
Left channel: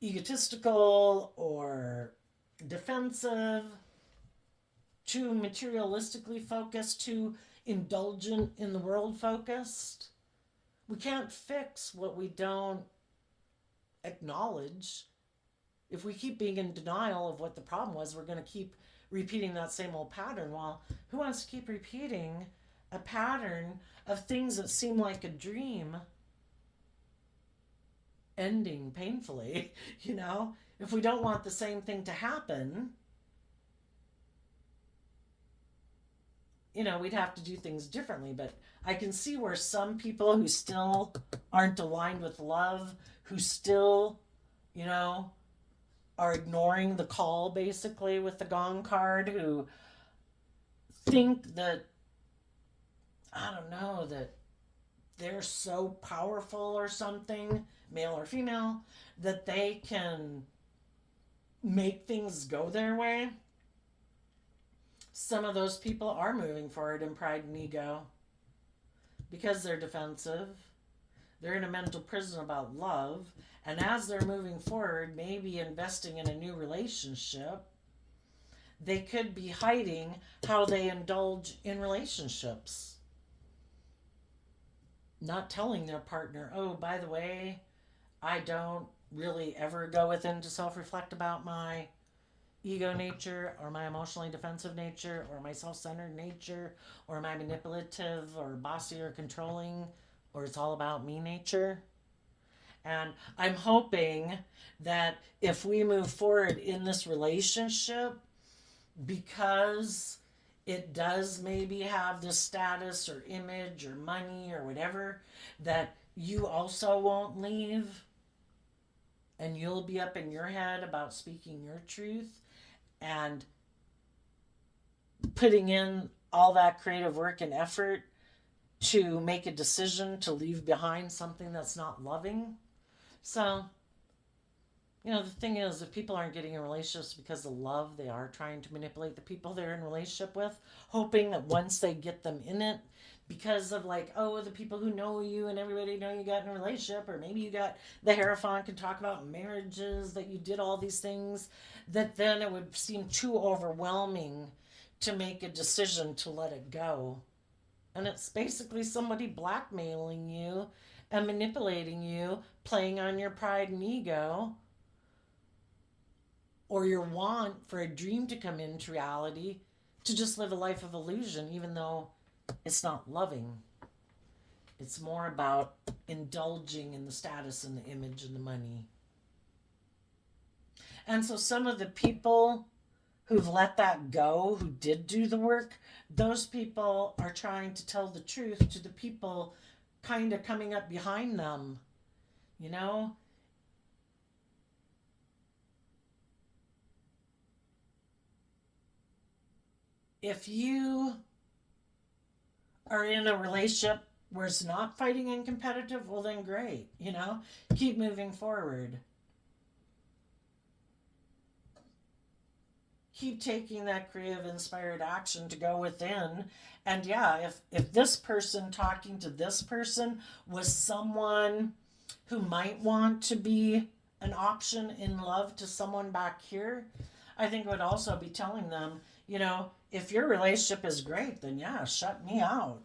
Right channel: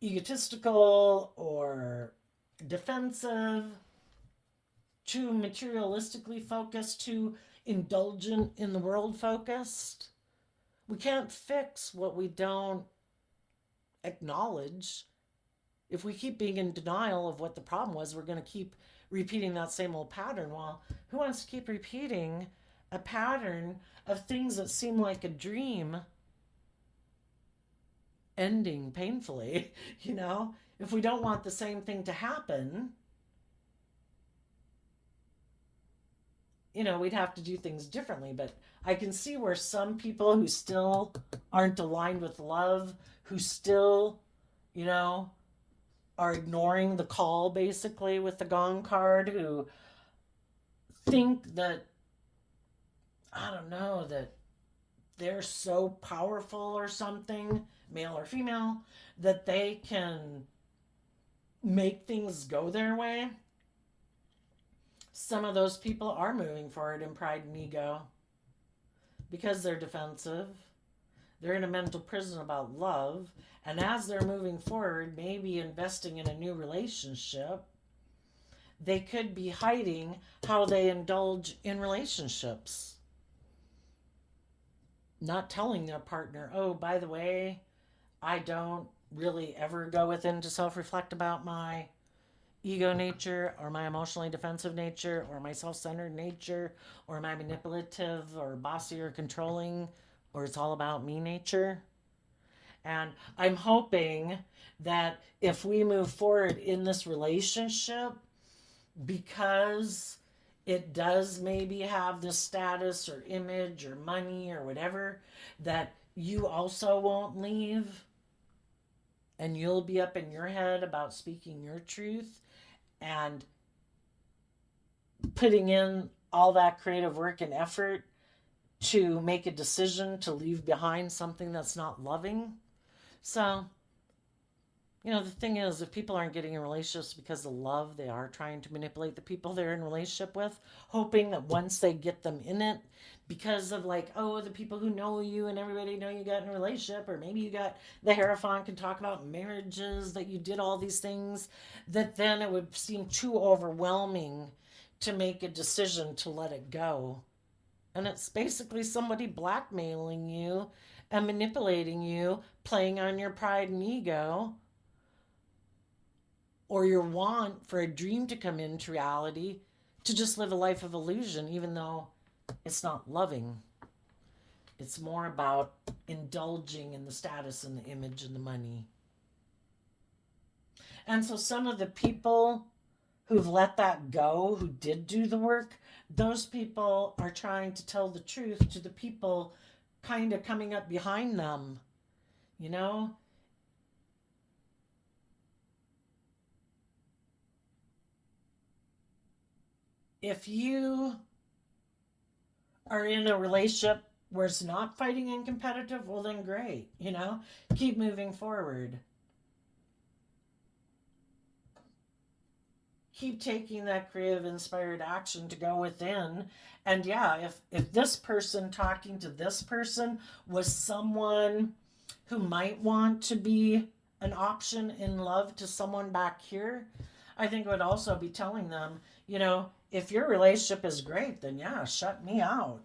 egotistical or defensive, too materialistically focused, too indulgent in the world focused. We can't fix what we don't acknowledge. If we keep being in denial of what the problem was, we're going to keep repeating that same old pattern. Well, who wants to keep repeating a pattern of things that seem like a dream ending painfully? You know, if we don't want the same thing to happen, we'd have to do things differently. But I can see where some people who still aren't aligned with love, who still, you know, are ignoring the call basically with the gong card, who think that, I don't know, that they're so powerful or something, male or female, that they can make things go their way. Some of those people are moving forward in pride and ego because they're defensive. They're in a mental prison about love. And as they're moving forward, maybe investing in a new relationship, they could be hiding how they indulge in relationships. Not telling their partner, oh, by the way, I don't really ever go within to self reflect about my ego nature or my emotionally defensive nature or my self centered nature or my manipulative or bossy or controlling or it's all about me nature. And I'm hoping that if we move forward in this relationship, because it does maybe have this status or image or money or whatever, that you also won't leave and you'll be up in your head about speaking your truth and putting in all that creative work and effort to make a decision to leave behind something that's not loving. So, the thing is, if people aren't getting in relationships because of love, they are trying to manipulate the people they're in relationship with, hoping that once they get them in it, because of like, oh, the people who know you and everybody know you got in a relationship, or maybe you got the Hierophant can talk about marriages, that you did all these things, that then it would seem too overwhelming to make a decision to let it go. And it's basically somebody blackmailing you and manipulating you, playing on your pride and ego, or your want for a dream to come into reality to just live a life of illusion, even though it's not loving. It's more about indulging in the status and the image and the money. And so some of the people who've let that go, who did do the work, those people are trying to tell the truth to the people kind of coming up behind them. You know, if you are in a relationship where it's not fighting and competitive, well, then great. Keep moving forward. Keep taking that creative, inspired action to go within. And yeah, if this person talking to this person was someone who might want to be an option in love to someone back here, I think it would also be telling them, if your relationship is great, then yeah, shut me out.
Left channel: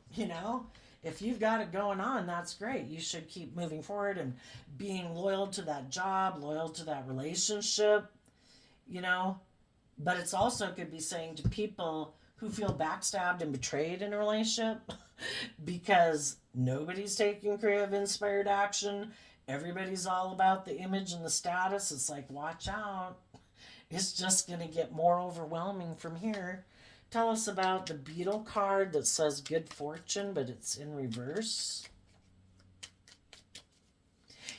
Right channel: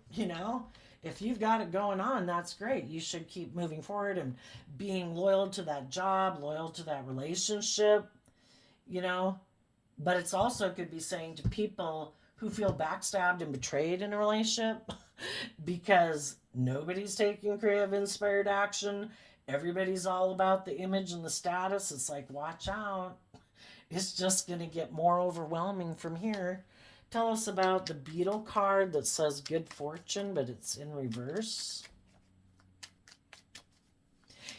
If you've got it going on, that's great. You should keep moving forward and being loyal to that job, loyal to that relationship, you know. But it's also could be saying to people who feel backstabbed and betrayed in a relationship because nobody's taking creative, inspired action. Everybody's all about the image and the status. It's like, watch out. It's just going to get more overwhelming from here. Tell us about the beetle card that says good fortune, but it's in reverse.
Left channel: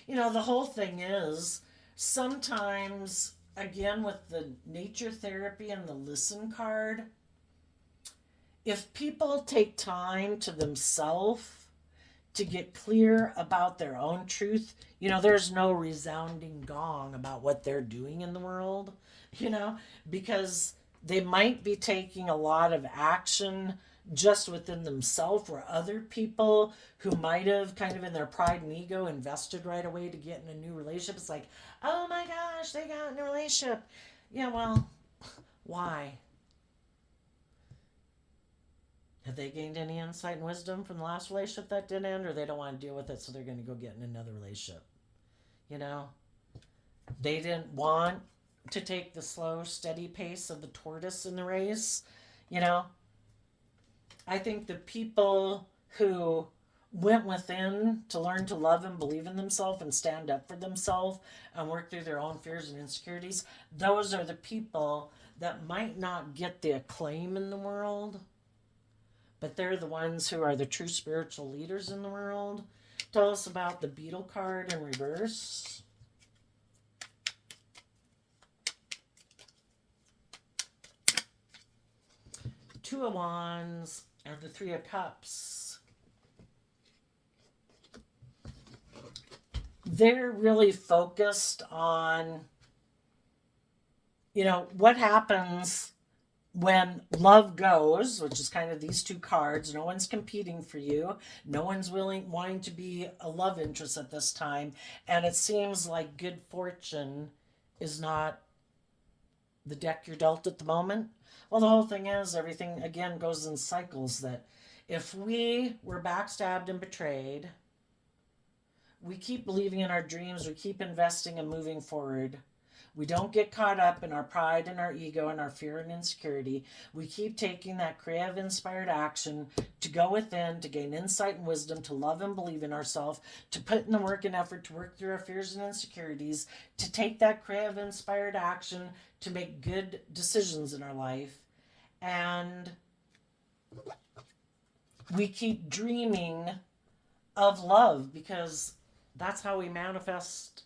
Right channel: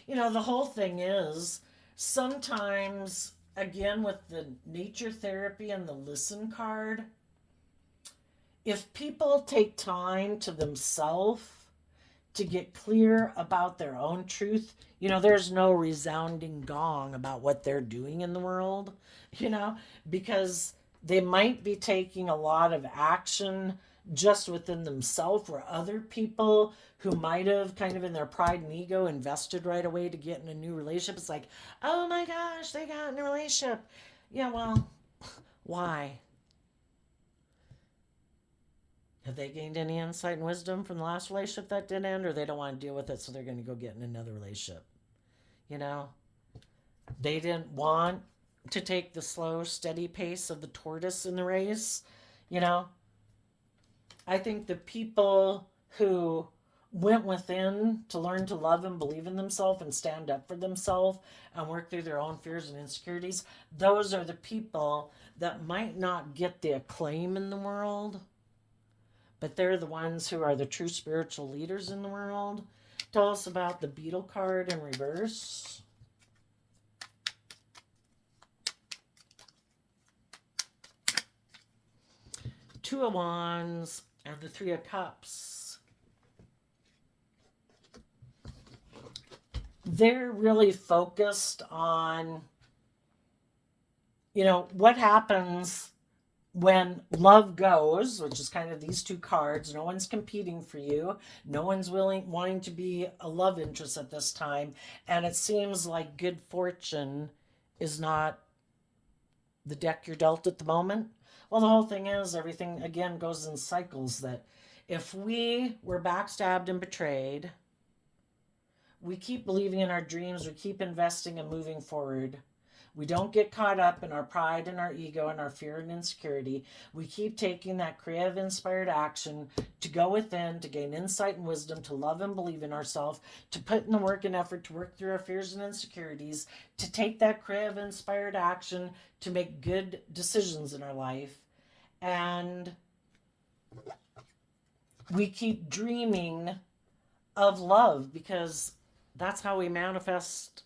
The whole thing is sometimes, again, with the nature therapy and the listen card, if people take time to themselves to get clear about their own truth, there's no resounding gong about what they're doing in the world, because They might be taking a lot of action just within themselves, where other people who might have kind of in their pride and ego invested right away to get in a new relationship. It's like, oh my gosh, they got in a relationship. Yeah, well, why? Have they gained any insight and wisdom from the last relationship that didn't end, or they don't want to deal with it, so they're going to go get in another relationship? You know, they didn't want to take the slow, steady pace of the tortoise in the race. You know, I think the people who went within to learn to love and believe in themselves and stand up for themselves and work through their own fears and insecurities, those are the people that might not get the acclaim in the world, but they're the ones who are the true spiritual leaders in the world. Tell us about the beetle card in reverse. Two of Wands and the Three of Cups. They're really focused on, what happens when love goes, which is kind of these two cards. No one's competing for you. No one's wanting to be a love interest at this time. And it seems like good fortune is not the deck you're dealt at the moment. Well, the whole thing is everything, again, goes in cycles, that if we were backstabbed and betrayed, we keep believing in our dreams, we keep investing and moving forward. We don't get caught up in our pride and our ego and our fear and insecurity. We keep taking that creative, inspired action to go within, to gain insight and wisdom, to love and believe in ourselves, to put in the work and effort to work through our fears and insecurities, to take that creative, inspired action to make good decisions in our life. And we keep dreaming of love because that's how we manifest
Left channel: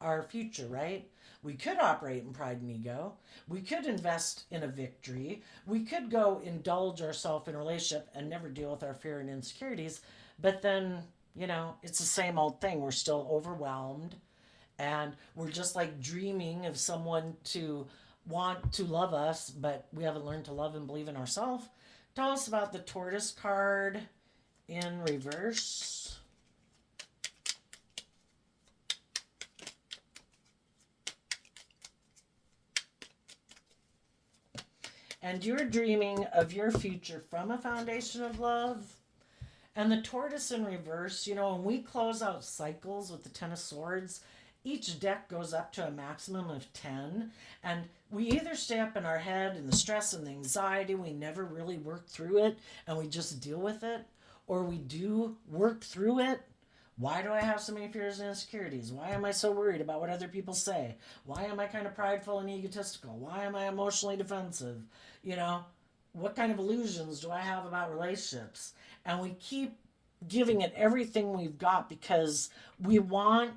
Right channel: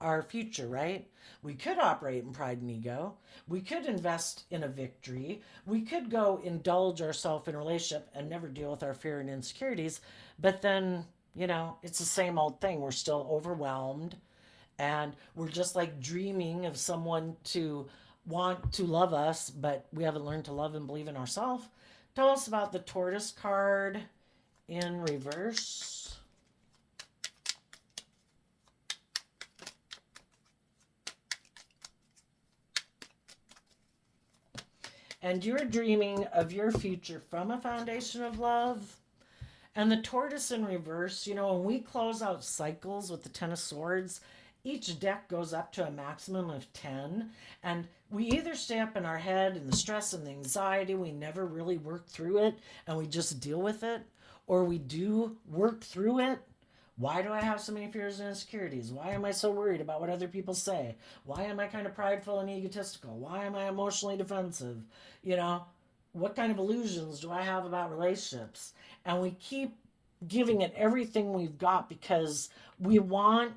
our future, right? We could operate in pride and ego. We could invest in a victory. We could go indulge ourselves in a relationship and never deal with our fear and insecurities. But then, it's the same old thing. We're still overwhelmed. And we're just like dreaming of someone to want to love us, but we haven't learned to love and believe in ourselves. Tell us about the tortoise card in reverse. And you're dreaming of your future from a foundation of love. And the tortoise in reverse, when we close out cycles with the Ten of Swords, each deck goes up to a maximum of 10. And we either stay up in our head and the stress and the anxiety, we never really work through it and we just deal with it, or we do work through it. Why do I have so many fears and insecurities? Why am I so worried about what other people say? Why am I kind of prideful and egotistical? Why am I emotionally defensive? What kind of illusions do I have about relationships? And we keep giving it everything we've got because we want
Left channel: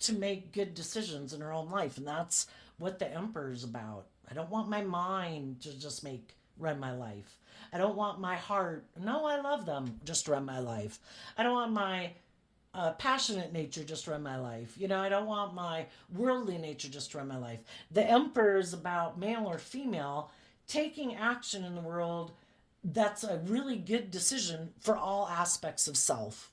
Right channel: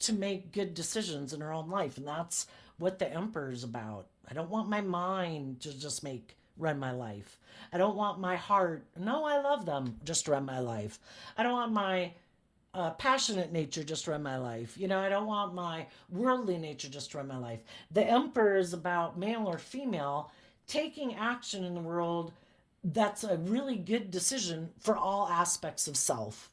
to make good decisions in our own life. And that's what the Emperor is about. I don't want my mind to just run my life. I don't want my heart, no, I love them, just run my life. I don't want my passionate nature just run my life. I don't want my worldly nature just run my life. The Emperor is about male or female taking action in the world that's a really good decision for all aspects of self.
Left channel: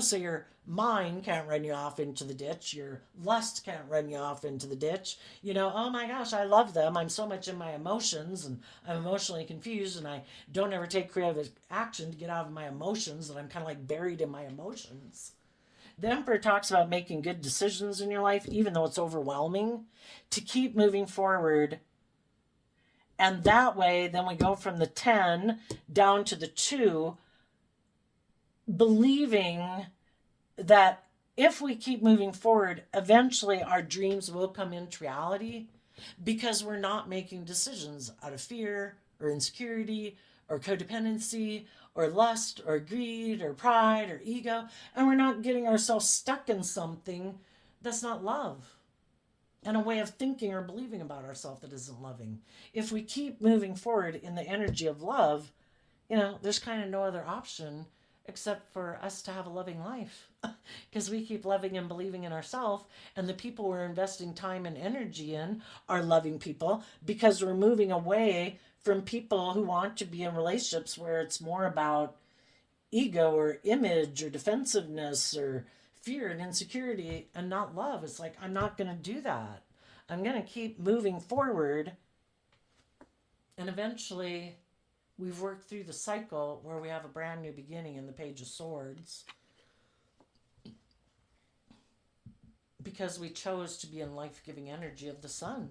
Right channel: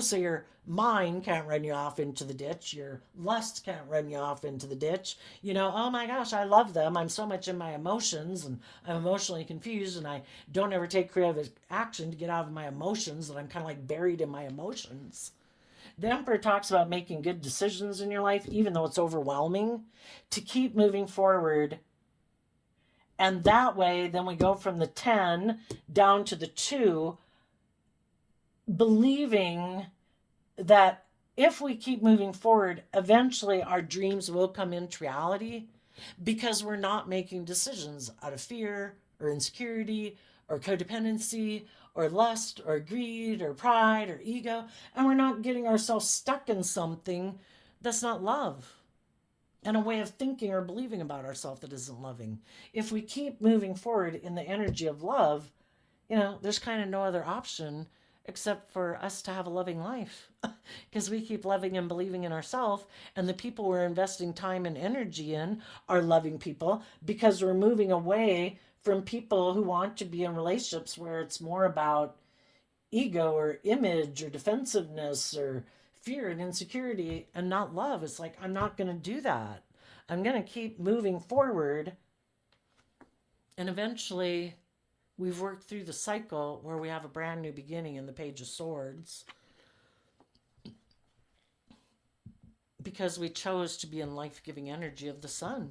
So your mind can't run you off into the ditch. Your lust can't run you off into the ditch. Oh my gosh, I love them. I'm so much in my emotions and I'm emotionally confused and I don't ever take creative action to get out of my emotions, and I'm kind of like buried in my emotions. The Emperor talks about making good decisions in your life, even though it's overwhelming, to keep moving forward. And that way, then we go from the 10 down to the 2, believing that if we keep moving forward, eventually our dreams will come into reality because we're not making decisions out of fear or insecurity or codependency or lust or greed or pride or ego. And we're not getting ourselves stuck in something that's not love and a way of thinking or believing about ourselves that isn't loving. If we keep moving forward in the energy of love, there's kind of no other option except for us to have a loving life. Because we keep loving and believing in ourselves, and the people we're investing time and energy in are loving people, because we're moving away from people who want to be in relationships where it's more about ego or image or defensiveness or fear and insecurity and not love. It's like, I'm not going to do that. I'm going to keep moving forward. And eventually, we've worked through the cycle where we have a brand new beginning in the Page of Swords because we chose to be in life giving energy of the sun.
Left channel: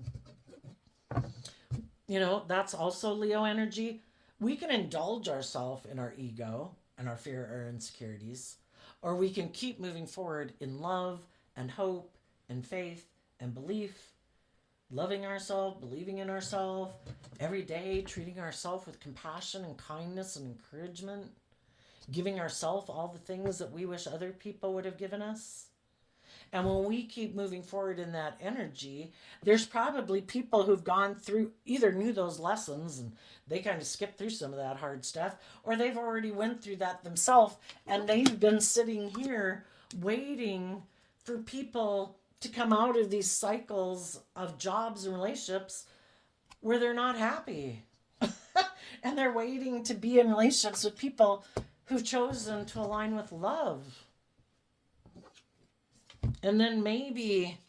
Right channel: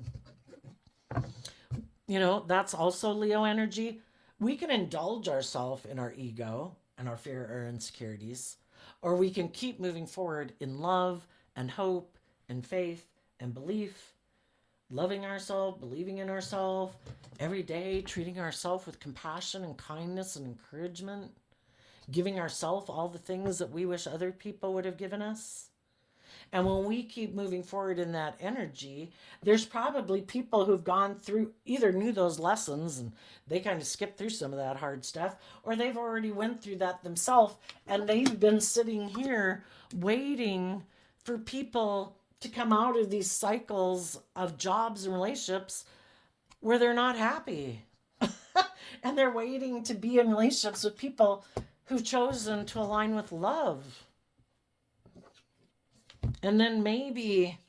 That's also Leo energy. We can indulge ourselves in our ego and our fear or insecurities, or we can keep moving forward in love and hope and faith and belief, loving ourselves, believing in ourselves every day, treating ourselves with compassion and kindness and encouragement, giving ourselves all the things that we wish other people would have given us. And when we keep moving forward in that energy, there's probably people who've gone through, either knew those lessons and they kind of skipped through some of that hard stuff, or they've already went through that themselves and they've been sitting here waiting for people to come out of these cycles of jobs and relationships where they're not happy. And they're waiting to be in relationships with people who've chosen to align with love. And then maybe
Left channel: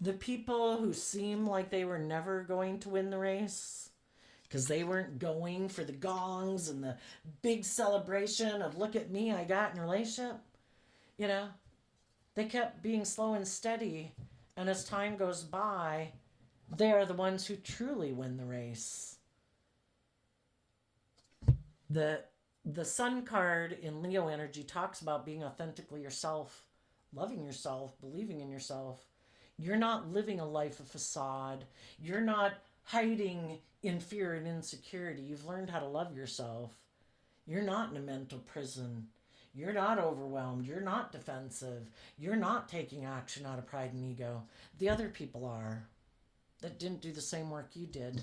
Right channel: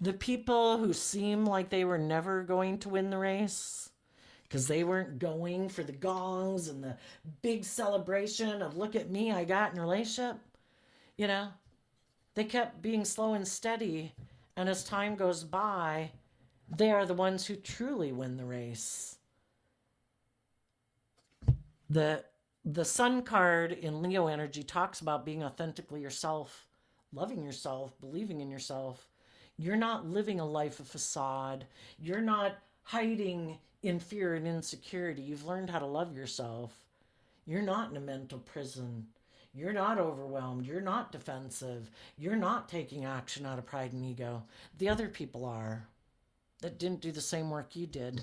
the people who seem like they were never going to win the race because they weren't going for the gongs and the big celebration of, look at me, I got in a relationship. They kept being slow and steady. And as time goes by, they are the ones who truly win the race. The Sun card in Leo energy talks about being authentically yourself, loving yourself, believing in yourself. You're not living a life of facade. You're not hiding in fear and insecurity. You've learned how to love yourself. You're not in a mental prison. You're not overwhelmed. You're not defensive. You're not taking action out of pride and ego. The other people are that didn't do the same work you did.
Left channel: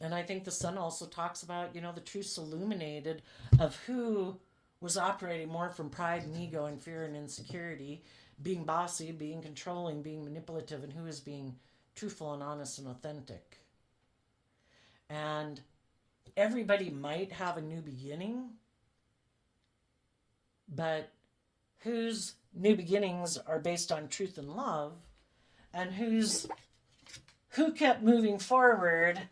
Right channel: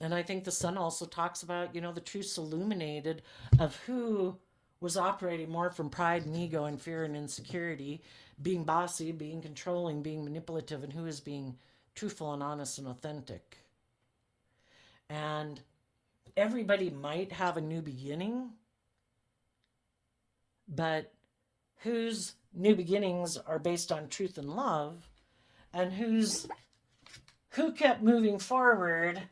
And I think the Sun also talks about, the truths illuminated of who was operating more from pride and ego and fear and insecurity, being bossy, being controlling, being manipulative, and who is being truthful and honest and authentic. And everybody might have a new beginning, but whose new beginnings are based on truth and love, and who kept moving forward,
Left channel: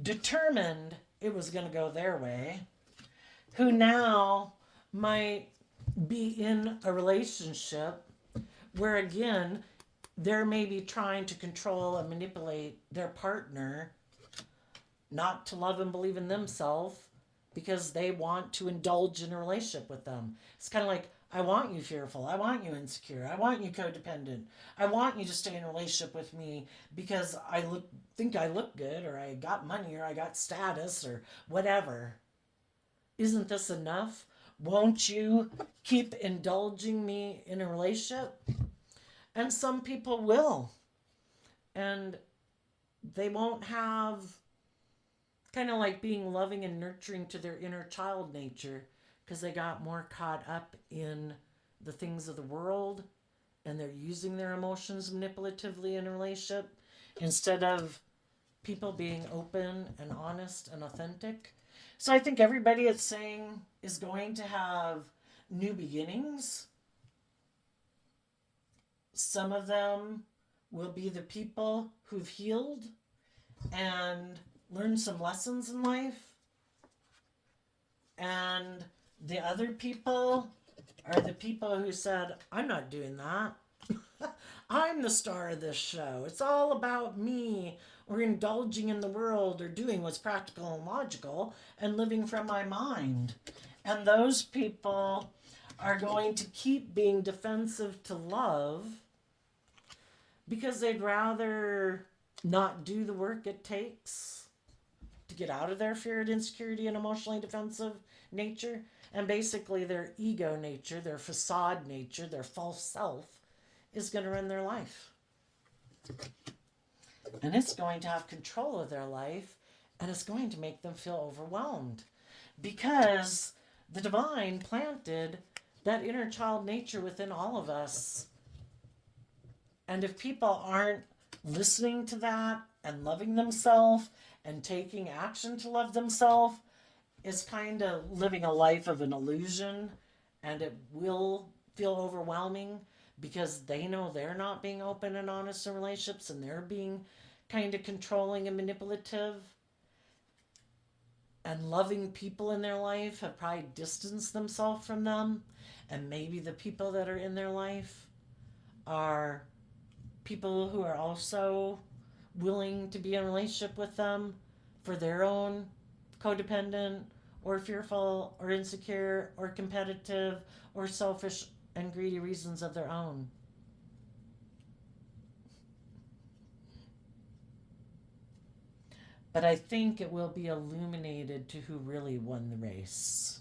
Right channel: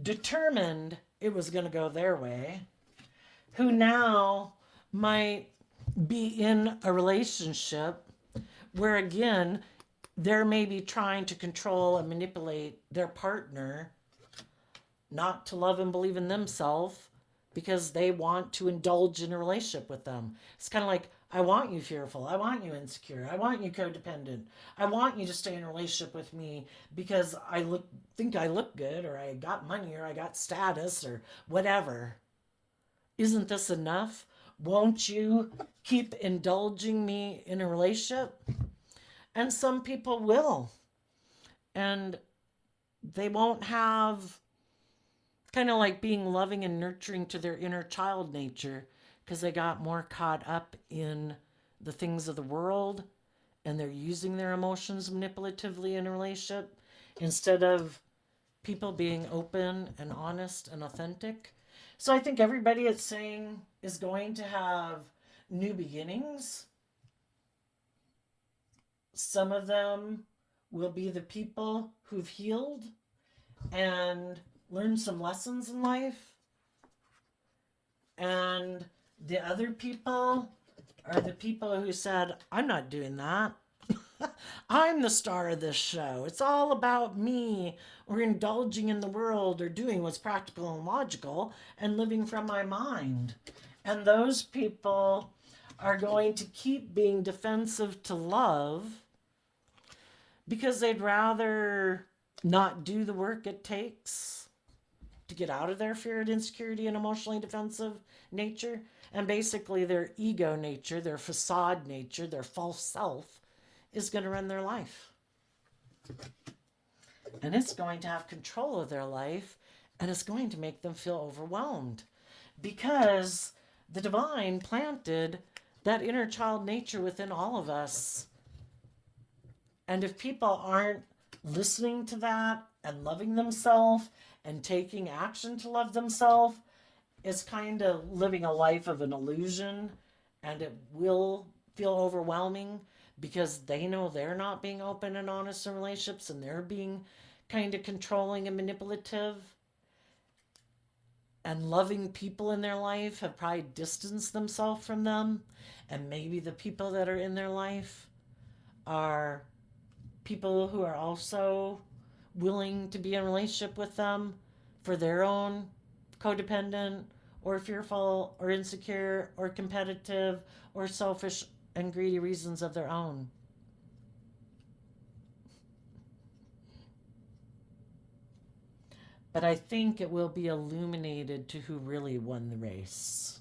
determined it was going to go their way, who now might be in a relationship where, again, they're maybe trying to control and manipulate their partner not to love and believe in themselves because they want to indulge in a relationship with them. It's kind of like, I want you fearful. I want you insecure. I want you codependent. I want you to stay in a relationship with me because think I look good, or I got money, or I got status, or whatever. Isn't this enough? Won't you keep indulging me in a relationship? And some people will. And they won't have kind of like being loving and nurturing to their inner child nature because they got more caught up in the things of the world and they're using their emotions manipulatively in a relationship instead of people being open and honest and authentic. So I think everybody it's saying is going to have new beginnings. Some of them will be the people who've healed and learned some lessons in life. And the other people are the people who said, I'm not doing that. I'm the star of this show. It's all about me, or indulging in the world, or doing what's practical and logical, and living from my mind. And those people are going to keep being defensive to love because they'd rather not do the work it takes to get out of their fear and insecurity and emotionally defensive nature. And basically their ego nature, their facade nature, their false self is going to run their life. And it's going to have control of their life And it's going to make them feel overwhelmed because the divine planted that inner child nature within all of us. And if people aren't listening to that and loving themselves and taking action to love themselves, it's kind of living a life of an illusion, and it will feel overwhelming because they know they're not being open and honest in relationships and they're being kind of controlling and manipulative. And loving people in their life have probably distanced themselves from them. And maybe the people that are in their life are people who are also willing to be in a relationship with them for their own codependent or fearful or insecure or competitive or selfish and greedy reasons of their own. But I think it will be illuminated to who really won the race.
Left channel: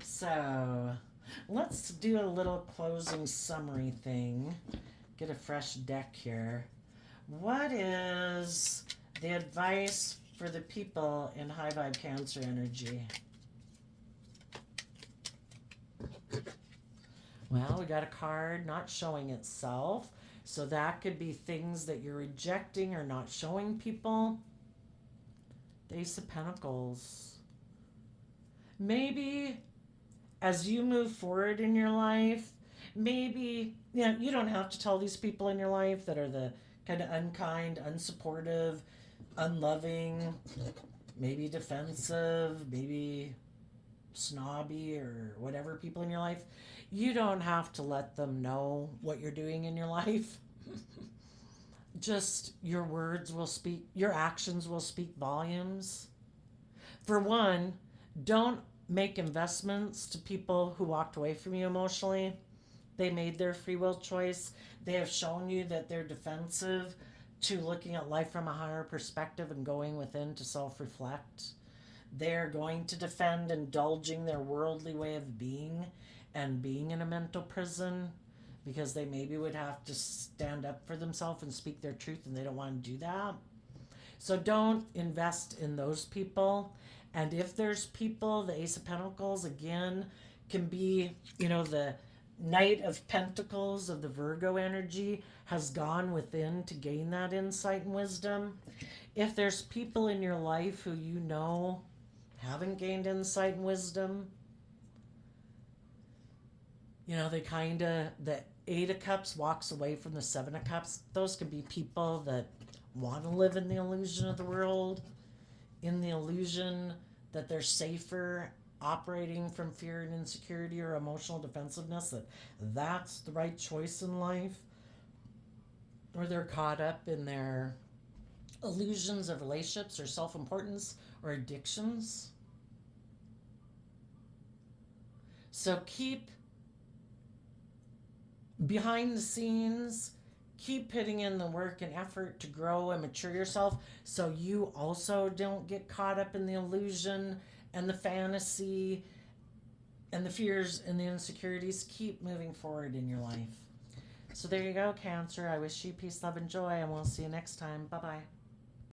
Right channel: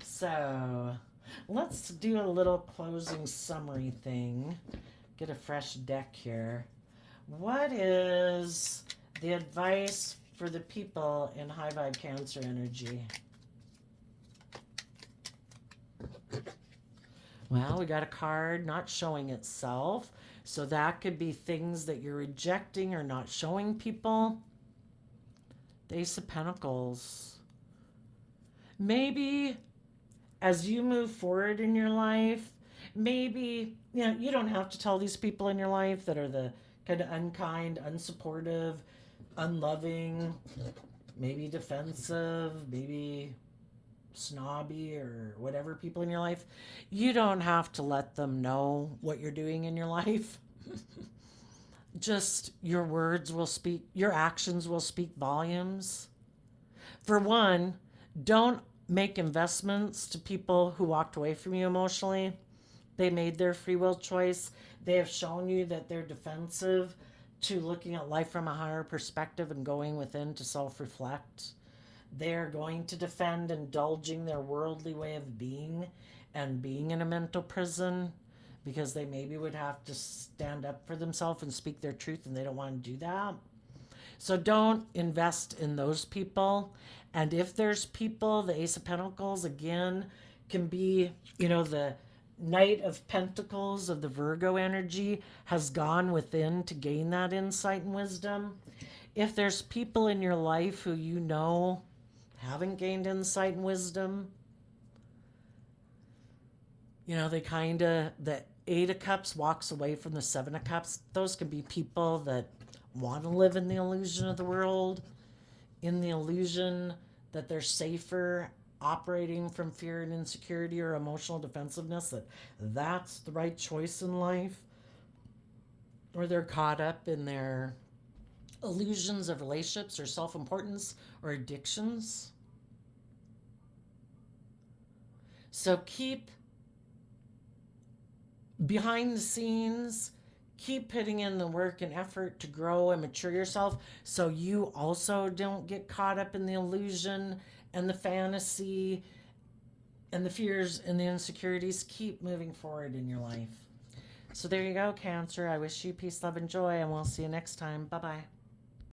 So let's do a little closing summary thing. Get a fresh deck here. What is the advice for the people in high vibe Cancer energy? Well, we got a card not showing itself. So that could be things that you're rejecting or not showing people. The Ace of Pentacles. Maybe as you move forward in your life, maybe, you don't have to tell these people in your life that are the kind of unkind, unsupportive, unloving, maybe defensive, maybe snobby or whatever people in your life. You don't have to let them know what you're doing in your life. Just your words will speak, your actions will speak volumes. For one, don't make investments to people who walked away from you emotionally. They made their free will choice. They have shown you that they're defensive to looking at life from a higher perspective and going within to self reflect. They are going to defend indulging their worldly way of being and being in a mental prison because they maybe would have to stand up for themselves and speak their truth, and they don't want to do that. So don't invest in those people. And if there's people, the Ace of Pentacles again can be, the Knight of Pentacles of the Virgo energy has gone within to gain that insight and wisdom. If there's people in your life who haven't gained insight and wisdom, the Eight of Cups walks away from the Seven of Cups. Those can be people that want to live in the illusion of the world, in the illusion that they're safer operating from fear and insecurity or emotional defensiveness, that's the right choice in life, or they're caught up in their illusions of relationships or self-importance or addictions. So keep behind the scenes, keep putting in the work and effort to grow and mature yourself so you also don't get caught up in the illusion and the fantasy and the fears and the insecurities. Keep moving forward in your life. So there you go, Cancer. I wish you peace, love, and joy, and we'll see you next time. Bye-bye.